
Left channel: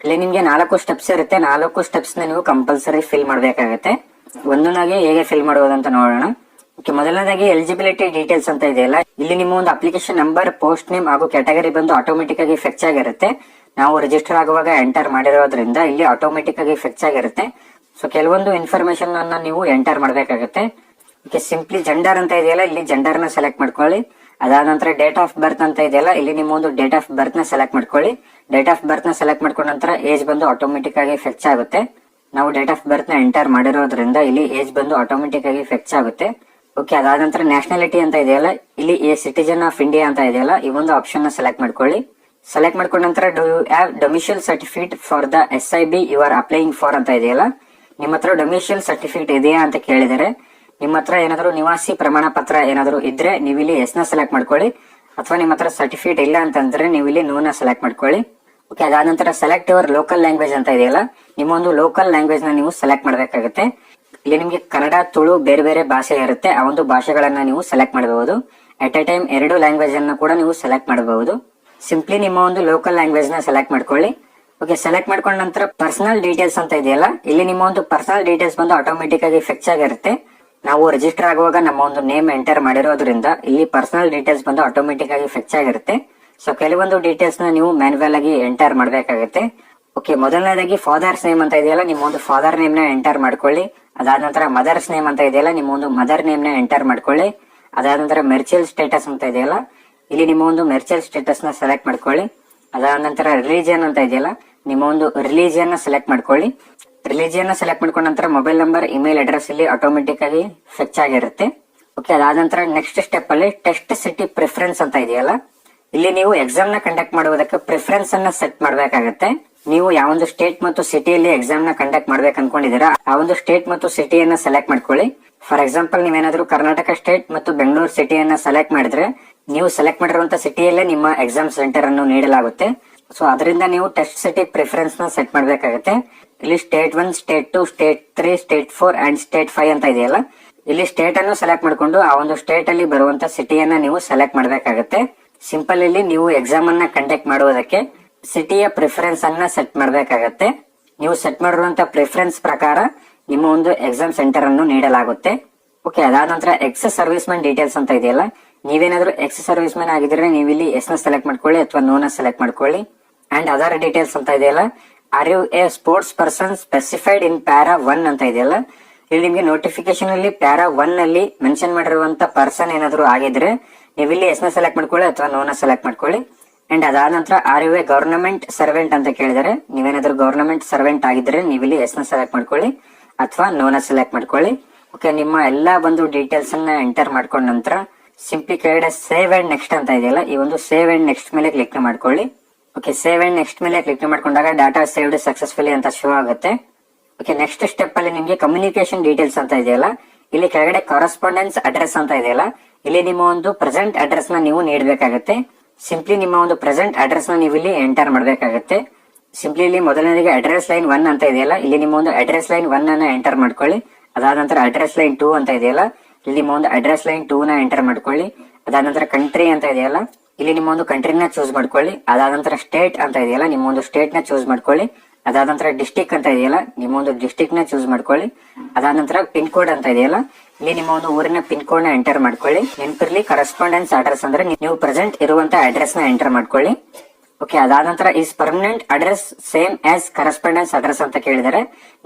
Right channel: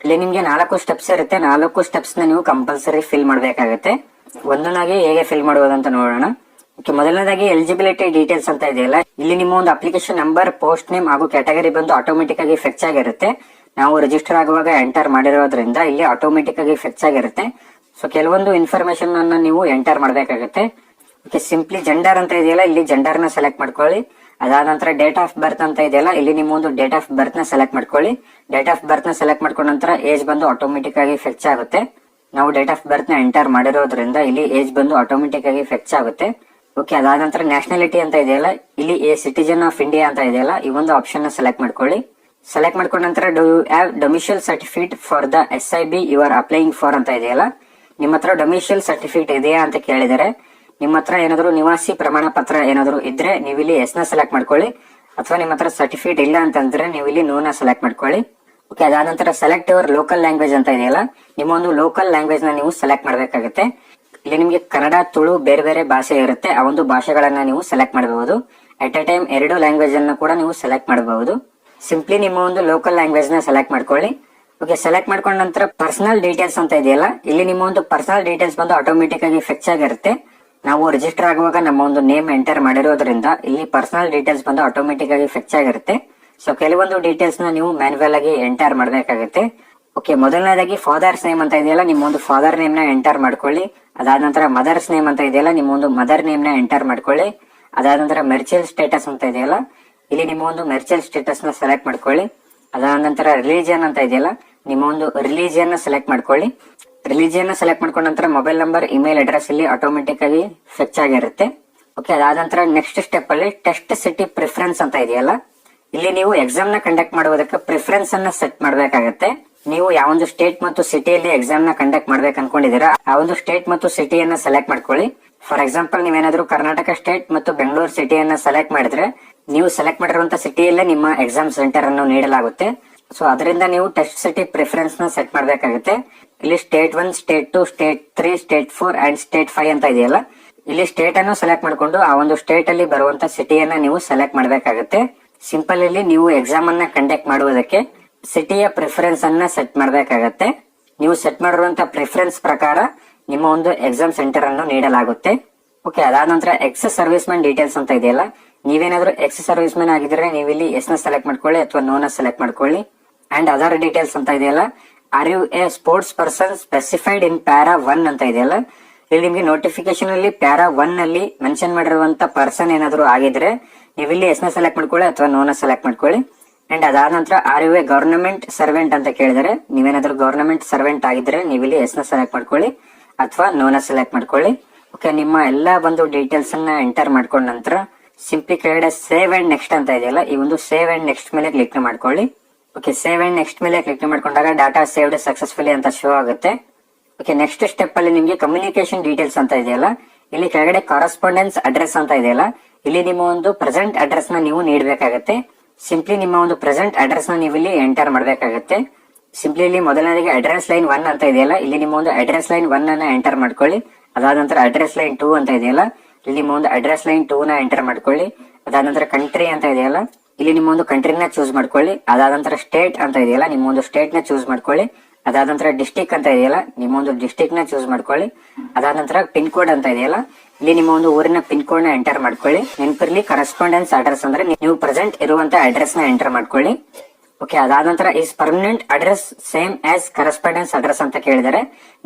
ಇಲ್ಲಿ ನಿಮ್ಗೆ ನಾಲ್ಕು ಸ್ಟೆಪ್ಸ್ ಇರುತ್ತೆ. ನಾಲ್ಕು ಸ್ಟೆಪ್ಸ್ ನೀವು ಕಂಪಲ್ಸರಿ ಫಿಲ್ ಮಾಡಬೇಕಾಗುತ್ತೆ. ಒಂದೊಂದಾಗಿ ಹೇಗೆ ಫಿಲ್ ಮಾಡುವುದು ಅಂತ ನೋಡೋಣ. ಓಕೆ ಮೊದಲನೇದಾಗಿ ಎಲಿಜಿಬಿಲಿಟಿ ಡೀಟೇಲ್ಸ್ ಅಂತ ಇದೆಯಲ್ಲ ಇಲ್ಲಿ ನಿಮ್ಮ ಒಂದು ಅಪ್ಲಿಕೇಶನ್ ನಂಬರ್ ಪೋಸ್ಟ್ ನೇಮ್ ಹಾಗೂ ಕ್ಯಾಟಗರಿ ಬಂದು ಆಟೋಮೆಟಿಕ್ ಆಗಿ ಫೆಚ್ ಆಗಿರುತ್ತೆ. ನಾವು ರಿಜಿಸ್ಟರ್ ಆಗುವಾಗ ಎಂಟರ್ ಮಾಡಿರೋದ್ರಿಂದ ಇಲ್ಲಿ ಆಟೋಮೆಟಿಕ್ ಆಗಿ ಫೆಚ್ ಆಗಿರುತ್ತೆ. ಸೊ ಕೆಲವೊಂದು ಇನ್ಫಾರ್ಮೇಶನ್ ಅನ್ನ ನೀವು ಎಂಟರ್ ಮಾಡಬೇಕಾಗುತ್ತೆ. ಓಕೆ ಸಿಂಪ್ಲಿ ಜೆಂಡರ್ ಅಂತ ಇದೆಯಲ್ಲ, ಇಲ್ಲಿ ಜೆಂಡರ್ನ ಸೆಲೆಕ್ಟ್ ಮಾಡ್ಕೊಳ್ಳಿ. ಅದಾದ ನಂತರ ಡೇಟ್ ಆಫ್ ಬರ್ತ್ ಅಂತ ಇದೆಯಲ್ಲ, ಇಲ್ಲಿ ನಿಮ್ಮ ಒಂದು ಡೇಟ್ ಆಫ್ ಬರ್ತ್ನ ಸೆಲೆಕ್ಟ್ ಮಾಡ್ಕೊಳ್ಳಿ. ಡೇಟ್ ಆಫ್ ಬರ್ತ್ನ ಸೆಲೆಕ್ಟ್ ಮಾಡ್ಕೊಂಡ ನಂತರ ಏಜ್ ಬಂದು ಆಟೋಮೆಟಿಕ್ ಆಗಿ ಫೆಚ್ ಆಗುತ್ತೆ. ನಾವು ಡೇಟ್ ಆಫ್ ಬರ್ತ್ನ ಎಂಟರ್ ಮಾಡಿರೋದ್ರಿಂದ ಇಲ್ಲಿ ಏಜ್ ಬಂದು ಆಟೋಮೆಟಿಕ್ ಆಗಿ ಫೆಚ್ ಆಗುತ್ತೆ. ಓಕೆ ಅದಾದ ನಂತರ ನ್ಯಾಷನಾಲಿಟಿ ಅಂತ ಇದೆಯಲ್ಲ, ಇಲ್ಲಿ ಎ ಸಿಟಿಜನ್ ಆಫ್ ಇಂಡಿಯಾ ಅಂತ ಇದೆಯಲ್ಲ, ಈ ಒಂದು ಆಪ್ಷನ್ನ ಸೆಲೆಕ್ಟ್ ಮಾಡ್ಕೊಳ್ಳಿ. ಸೆಲೆಕ್ಟ್ ಮಾಡ್ಕೊಂಡ ನಂತರ do you have domicile certificate for the S I B you are applying for ಅಂತ ಇದೆಯಲ್ಲ, ನಿಮ್ಮ ಹತ್ರ ಡೊಮಿಷಿಯಲ್ ಸರ್ಟಿಫಿಕೇಟ್ ಇದೆಯಾ ಅಂತ ಕೇಳಿದರೆ, ನಿಮ್ಮ ಹತ್ರ ಏನಾದ್ರು ನಿವಾಸಿ ಪ್ರಮಾಣ ಪತ್ರ ಏನಾದ್ರು ಇದ್ರೆ ನೀವು ಇಲ್ಲಿ ಎಸ್ನ ಸೆಲೆಕ್ಟ್ ಮಾಡ್ಕೊಳ್ಳಿ. ಅಥವಾ ನಿಮ್ಮ ಹತ್ರ ಸರ್ಟಿಫಿಕೇಟ್ ಇಲ್ಲ ಅಂತಂದ್ರೆ ನೀವು ಇಲ್ಲಿ ನೋ ನ ಸೆಲೆಕ್ಟ್ ಮಾಡ್ಕೊಳ್ಳಿ. ಓಕೆ ಅದಾದ ನಂತರ ಸೆಲೆಕ್ಟ್ ಯುವರ್ ಲೋಕಲ್ ಲ್ಯಾಂಗ್ವೇಜ್ ಅಂತ ಇದೆಯಲ್ಲ ನಿಮ್ಮ ಒಂದು ಲೋಕಲ್ ಲ್ಯಾಂಗ್ವೇಜ್ನ ನೀವು ಸೆಲೆಕ್ಟ್ ಮಾಡಬೇಕಾಗುತ್ತೆ. ಇಲ್ಲಿ ನಿಮಗೆ ಕನ್ನಡ, ತುಳು, ಬೇರೆ ಬೇರೆ ಭಾಷೆ ಇರುತ್ತೆ, ಆ ಒಂದು ಭಾಷೆಗಳನ್ನ ನೀವು ಸೆಲೆಕ್ಟ್ ಮಾಡಬಹುದು ಅಟ್ ಎ ಟೈಮ್ ಎರಡು ಲ್ಯಾಂಗ್ವೇಜ್ ಅನ್ನು ಕೂಡ ನೀವು ಸೆಲೆಕ್ಟ್ ಮಾಡಬಹುದು ಸಿಂಪ್ಲಿ ನಿಮ್ಮ ಒಂದು ಲೋಕಲ್ ಲ್ಯಾಂಗ್ವೇಜ್ನ ಸೆಲೆಕ್ಟ್ ಮಾಡ್ಕೊಳ್ಳಿ. ಓಕೆ ಸೆಲೆಕ್ಟ್ ಮಾಡ್ಕೊಂಡ ನಂತರ ಪರ್ಸನಲ್ ಡೀಟೇಲ್ಸ್ ಅಂತ ಇದೆಯಲ್ಲ, ಇಲ್ಲಿ ನಿಮ್ಮ ಒಂದು ಪರ್ಸನಲ್ ಡೀಟೇಲ್ಸ್ ಬಂದು ಆಟೋಮೆಟಿಕ್ ಆಗಿ ಫಿಕ್ಸ್ ಆಗಿರುತ್ತೆ. ನಾವು ರಿಜಿಸ್ಟರ್ ಆಗುವಾಗ ನಮ್ಮ ಒಂದು ನೇಮ್ ಎಂಟರ್ ಮಾಡಿರೋದ್ರಿಂದ ಇಲ್ಲಿ ಪರ್ಸನಲ್ ಡೀಟೇಲ್ಸ್ ಬಂದು ಆಟೋಮೆಟಿಕ್ ಆಗಿ ಫಿಕ್ಸ್ ಆಗಿರುತ್ತೆ. ಸೊ ಕೆಲವೊಂದು ಡೀಟೇಲ್ಸ್ನ ನೀವು ಮ್ಯಾನ್ಯಲ್ ಆಗಿ ಎಂಟರ್ ಮಾಡಬೇಕಾಗುತ್ತೆ. ಓಕೆ ಮೊದಲನೇದಾಗಿ ಫಾದರ್ಸ್ ನೇಮ್ ಅಂತ ಇದೆಯಲ್ಲ ನಿಮ್ಮ ಒಂದು ಫಾದರ್ ನೇಮ್ನ ಎಂಟರ್ ಮಾಡ್ಕೊಳ್ಳಿ. ಅದಾದ ನಂತರ ಮದರ್ಸ್ ನೇಮ್ ಅಂತ ಇದೆಯಲ್ಲ ನಿಮ್ಮ ಒಂದು ಮದರ್ ನೇಮ್ನ ಎಂಟರ್ ಮಾಡ್ಕೊಳ್ಳಿ. ಅದಾದ ನಂತರ ಮೆರ್ಚಿಯಲ್ ಸ್ಟೇಟಸ್ ಅಂತ ಇದೆಯಲ್ಲ, ಇಲ್ಲಿ ನಿಮ್ಮ ಒಂದು ಮೆರ್ಚಿಯಲ್ ಸ್ಟೇಟಸ್ನ ಸೆಲೆಕ್ಟ್ ಮಾಡ್ಕೊಳ್ಳಿ. ಅದಾದ ನಂತರ ರಿಲಿಜಿಯನ್ ಅಂತ ಇದೆಯಲ್ಲ ನಿಮ್ಮ ಒಂದು ರಿಲಿಜಿಯನ್ ಸೆಲೆಕ್ಟ್ ಮಾಡ್ಕೊಳ್ಳಿ. ರಿಲಿಜಿಯನ್ ಸೆಲೆಕ್ಟ್ ಮಾಡ್ಕೊಂಡ ನಂತರ ಮೊಬೈಲ್ ನಂಬರ್ ಇಮೇಲ್ ಅಡ್ರೆಸ್ ಇಲ್ಲಿ ಆಟೋಮೆಟಿಕ್ ಆಗಿ ಫೆಚ್ ಆಗಿರುತ್ತೆ. ಓಕೆ ಅದಾದ ನಂತರ ನೆಕ್ಸ್ಟ್ ಸ್ಟೆಪ್ ಅಲ್ಲಿ ಟೆಸ್ಟ್ ಸಿಟಿ ಪ್ರಿಫರೆನ್ಸ್ ಅಂತ ಇದೆಯಲ್ಲ ಇಲ್ಲಿ ನೀವು ಎಕ್ಸಾಮ್ನ ಕಂಡಕ್ಟ್ ಮಾಡುವುದಕ್ಕೆ ಪ್ರಿಫರೆನ್ಸ್ ಅನ್ನ ಸೆಟ್ ಮಾಡಬೇಕಾಗತ್ತೆ. ನೀವು ಯಾವೊಂದು ಸ್ಟೇಟ್ ಮತ್ತು ಸಿಟಿಯಲ್ಲಿ ಎಕ್ಸಾಮ್ನ ಕಂಡಕ್ಟ್ ಮಾಡ್ಬೇಕು ಅನ್ಕೊಂಡಿದ್ದೀರಾ, ಆ ಒಂದು ಸ್ಟೇಟ್ ಮತ್ತು ಸಿಟಿಯನ್ನ ಸೆಲೆಕ್ಟ್ ಮಾಡ್ಕೊಳ್ಳಿ. ಫಾರ್ ಎಕ್ಸಾಂಪಲ್ ನೀವೇನಾದ್ರೂ ಕರ್ನಾಟಕ ಸ್ಟೇಟ್ ಮತ್ತು ಬೆಂಗಳೂರು ಸಿಟಿಯನ್ನ ಸೆಲೆಕ್ಟ್ ಮಾಡಿದ್ರೆ, ನೀವು ಸೆಲೆಕ್ಟ್ ಮಾಡಿರುವಂತ ಸಿಟಿಯಲ್ಲೇ ನಿಮ್ಮ ಎಕ್ಸಾಮ್ ಸೆಂಟರ್ ಅನ್ನು ನೀಡಲಾಗುತ್ತೆ. ಸೊ ಅದರಿಂದ ನೀವು ಟೆಸ್ಟ್ ಸಿಟಿ ಪ್ರಿಫರೆನ್ಸ್ನ ಸೆಟ್ ಮಾಡಬೇಕಾಗುತ್ತೆ. ಇಲ್ಲಿ state one state two state three state four and state five ಅಂತ ಇದೆಯಲ್ಲ, ಇಲ್ಲಿ ಸ್ಟೇಟ್ ಅನ್ನು ಸೆಲೆಕ್ಟ್ ಮಾಡಿಕೊಂಡು ಆ ಒಂದು ಸ್ಟೇಟ್ ಅಲ್ಲಿ ಬರುವಂತ ಸಿಟಿಯನ್ನ ನೀವು ಸೆಲೆಕ್ಟ್ ಮಾಡಬೇಕಾಗುತ್ತೆ. ಸಿಂಪಲ್ ಅಲ್ಲಿ ನೀವು ಎಕ್ಸಾಮ್ ಅನ್ನ ಕಂಡಕ್ಟ್ ಮಾಡುವುದಕ್ಕೆ ಸಿಟಿಯ ಪ್ರಿಫರೆನ್ಸ್ ಅನ್ನ ಸೆಟ್ ಮಾಡಬೇಕಾಗತ್ತೆ. ನೀವು ಸೆಟ್ ಮಾಡಿರುವಂತ ಪ್ರಿಫರೆನ್ಸ್ ಪ್ರಕಾರ ನಿಮ್ಮ ಒಂದು ಎಕ್ಸಾಮ್ ಸೆಂಟರ್ ಅನ್ನು ನೀಡಲಾಗುತ್ತೆ. ಓಕೆ ಅದಾದ ನಂತರ ಎಕ್ಸ್ ಸರ್ವಿಸ್ ಮ್ಯಾನ್ ಡೀಟೇಲ್ಸ್ ಅಂತ ಇದೆಯಲ್ಲ, ನೀವೇನಾದ್ರೂ ಎಕ್ಸ್ ಸರ್ವಿಸ್ ಮ್ಯಾನ್ ಆಗಿದ್ರೆ ನೀವು ಇಲ್ಲಿ ಎಸ್ನ ಸೆಲೆಕ್ಟ್ ಮಾಡ್ಕೊಳ್ಳಿ ಅಥವಾ ನೋನ ಸೆಲೆಕ್ಟ್ ಮಾಡ್ಕೊಳ್ಳಿ. ಅಂಡ್ ಅದರ್ ಡೀಟೇಲ್ಸ್ ಅಂತ ಇದೆಯಲ್ಲ are you a sports person specified in para one ಅಂತ ಇದೆಯಲ್ಲ, ಇಲ್ಲಿ ನಿಮಗೆ ನೋಟಿಫಿಕೇಶನ್ ಅಲ್ಲಿ ಪ್ಯಾರಾ ಒನ್ ಅಲ್ಲಿ ಮೆನ್ಷನ್ ಮಾಡಿರುವಂತ ಪರ್ಸನ್ ಏನಾದ್ರು ಆಗಿದ್ರೆ ನೀವು ಇಲ್ಲಿ ಎಸ್ನ ಸೆಲೆಕ್ಟ್ ಮಾಡ್ಕೊಳ್ಳಿ ಅಥವಾ ನೋ ನ ಸೆಲೆಕ್ಟ್ ಮಾಡ್ಕೊಳ್ಳಿ. ಅಂಡ್ ಅದಾದ ನಂತರ are you a government servant ಅಂತ ಕೇಳಿದರೆ, ನೀವೇನಾದ್ರೂ ಗವರ್ನಮೆಂಟ್ ಸರ್ವೆಂಟ್ ಆಗಿದ್ರೆ ನೀವು ಇಲ್ಲಿ ಎಸ್ನ ಸೆಲೆಕ್ಟ್ ಮಾಡ್ಕೊಳ್ಳಿ ಅಥವಾ ನೋ ನ ಸೆಲೆಕ್ಟ್ ಮಾಡ್ಕೊಳ್ಳಿ. ಓಕೆ ನಿಮ್ಮ ಎಲ್ಲಾ ಬಂದು ಡೀಟೇಲ್ಸ್ ಅನ್ನ ಎಂಟರ್ ಮಾಡ್ಕೊಂಡ ನಂತರ ಸಿಂಪ್ಲಿ ಕೆಳಗಡೆ ಸೇವ್ ಅಂಡ್ ನೆಕ್ಸ್ಟ್ ಅಂತ ಇದೆಯಲ್ಲ, ಈ ಒಂದು ಸೇವ್ ಅಂಡ್ ನೆಕ್ಸ್ಟ್ ಮೇಲೆ ಕ್ಲಿಕ್ ಮಾಡ್ಕೊಳ್ಳಿ. ಓಕೆ ಸೇವ್ ಅಂಡ್ ನೆಕ್ಸ್ಟ್ ಮೇಲೆ ಕ್ಲಿಕ್ ಮಾಡ್ಕೊಂಡಾಗ ಡಾಟಾ ಸೇವ್ಡ್ ಸಕ್ಸಸ್ಫುಲಿ ಅಂತ ಶೋ ಆಗುತ್ತೆ. ಓಕೆ ನೆಕ್ಸ್ಟ್ ಸ್ಟೆಪ್ ಅಲ್ಲಿ ನಿಮಗೆ ಕಮ್ಯುನಿಕೇಶನ್ ಡೀಟೇಲ್ಸ್ ಅಂತ ಇದೆಯಲ್ಲ, ಇಲ್ಲಿ ಕೆಳಗಡೆ ಕರೆಸ್ಪಾಂಡೆನ್ಸ್ ಅಡ್ರೆಸ್ ಅಂತ ಇದೆಯಲ್ಲ ಇಲ್ಲಿ ನಿಮ್ಮ ಒಂದು ಪ್ರೆಸೆಂಟ್ ಅಡ್ರೆಸ್ನ ನೀವು ನೀಡಬೇಕಾಗತ್ತೆ. ಸಿಂಪ್ಲಿ ನಿಮ್ಮ ಒಂದು ಪ್ರೆಸೆಂಟ್ ಅಡ್ರೆಸ್ನ ನೀವು ಇಲ್ಲಿ ಎಂಟರ್ ಮಾಡಬೇಕಾಗತ್ತೆ. ಸಿಂಪ್ಲಿ ಇಲ್ಲಿ ಮೊದಲನೇದಾಗಿ ಅಡ್ರೆಸ್ ಲೈನ್ ಒನ್ ಅಂತ ಇದೆಯಲ್ಲ, ಇಲ್ಲಿ ನಿಮ್ಮ ಒಂದು ಅಡ್ರೆಸ್ ಲೈನ್ ಒನ್ ಅನ್ನ ಎಂಟರ್ ಮಾಡ್ಕೊಳ್ಳಿ. ಅದಾದ ನಂತರ ಅಡ್ರೆಸ್ ಲೈನ್ ಟೂ ಅಂತ ಇದೆಯಲ್ಲ, ಇಲ್ಲಿ ನಿಮ್ಮ ಒಂದು ಅಡ್ರೆಸ್ ಲೈನ್ ಟೂ ನ ಎಂಟರ್ ಮಾಡ್ಕೊಳ್ಳಿ. ಅದಾದ ನಂತರ ಕಂಟ್ರಿ ಅಂತ ಇದೆಯಲ್ಲ, ಇಲ್ಲಿ ನಿಮ್ಮ ಒಂದು ಕಂಟ್ರಿನ ಚೂಸ್ ಮಾಡ್ಕೊಳ್ಳಿ. ಅದಾದ ನಂತರ ಸ್ಟೇಟ್ ಅಂತ ಇದೆಯಲ್ಲ, ನಿಮ್ಮ ಒಂದು ಸ್ಟೇಟ್ನ ಚೂಸ್ ಮಾಡ್ಕೊಳ್ಳಿ. ಅದಾದ ನಂತರ ಡಿಸ್ಟಿಕ್ ಅಂತ ಇದೆಯಲ್ಲ, ನಿಮ್ಮ ಒಂದು ಡಿಸ್ಟಿಕ್ನ ಚೂಸ್ ಮಾಡ್ಕೊಳ್ಳಿ. ಅದಾದ ನಂತರ ಪಿನ್ ಕೋಡ್ ಅಂತ ಇದೆಯಲ್ಲ ಇಲ್ಲಿ ನಿಮ್ಮ ಒಂದು ಊರಿನ ಪಿನ್ ಕೋಡ್ನ ಎಂಟರ್ ಮಾಡ್ಕೊಳ್ಳಿ. ನೆನಪಿರ್ಲಿ ಕರೆಸ್ಪಾಂಡೆನ್ಸ್ ಅಡ್ರೆಸ್ ಅಂದ್ರೆ ನೀವು ಪ್ರೆಸೆಂಟ್ ಇರುವಂತ ಅಡ್ರೆಸ್ನ ಎಂಟರ್ ಮಾಡ್ಕೊಳ್ಳಿ. ಓಕೆ ಅದಾದ ನಂತರ is permanent address same as correspondence address ಅಂತ ಕೇಳಿದರೆ,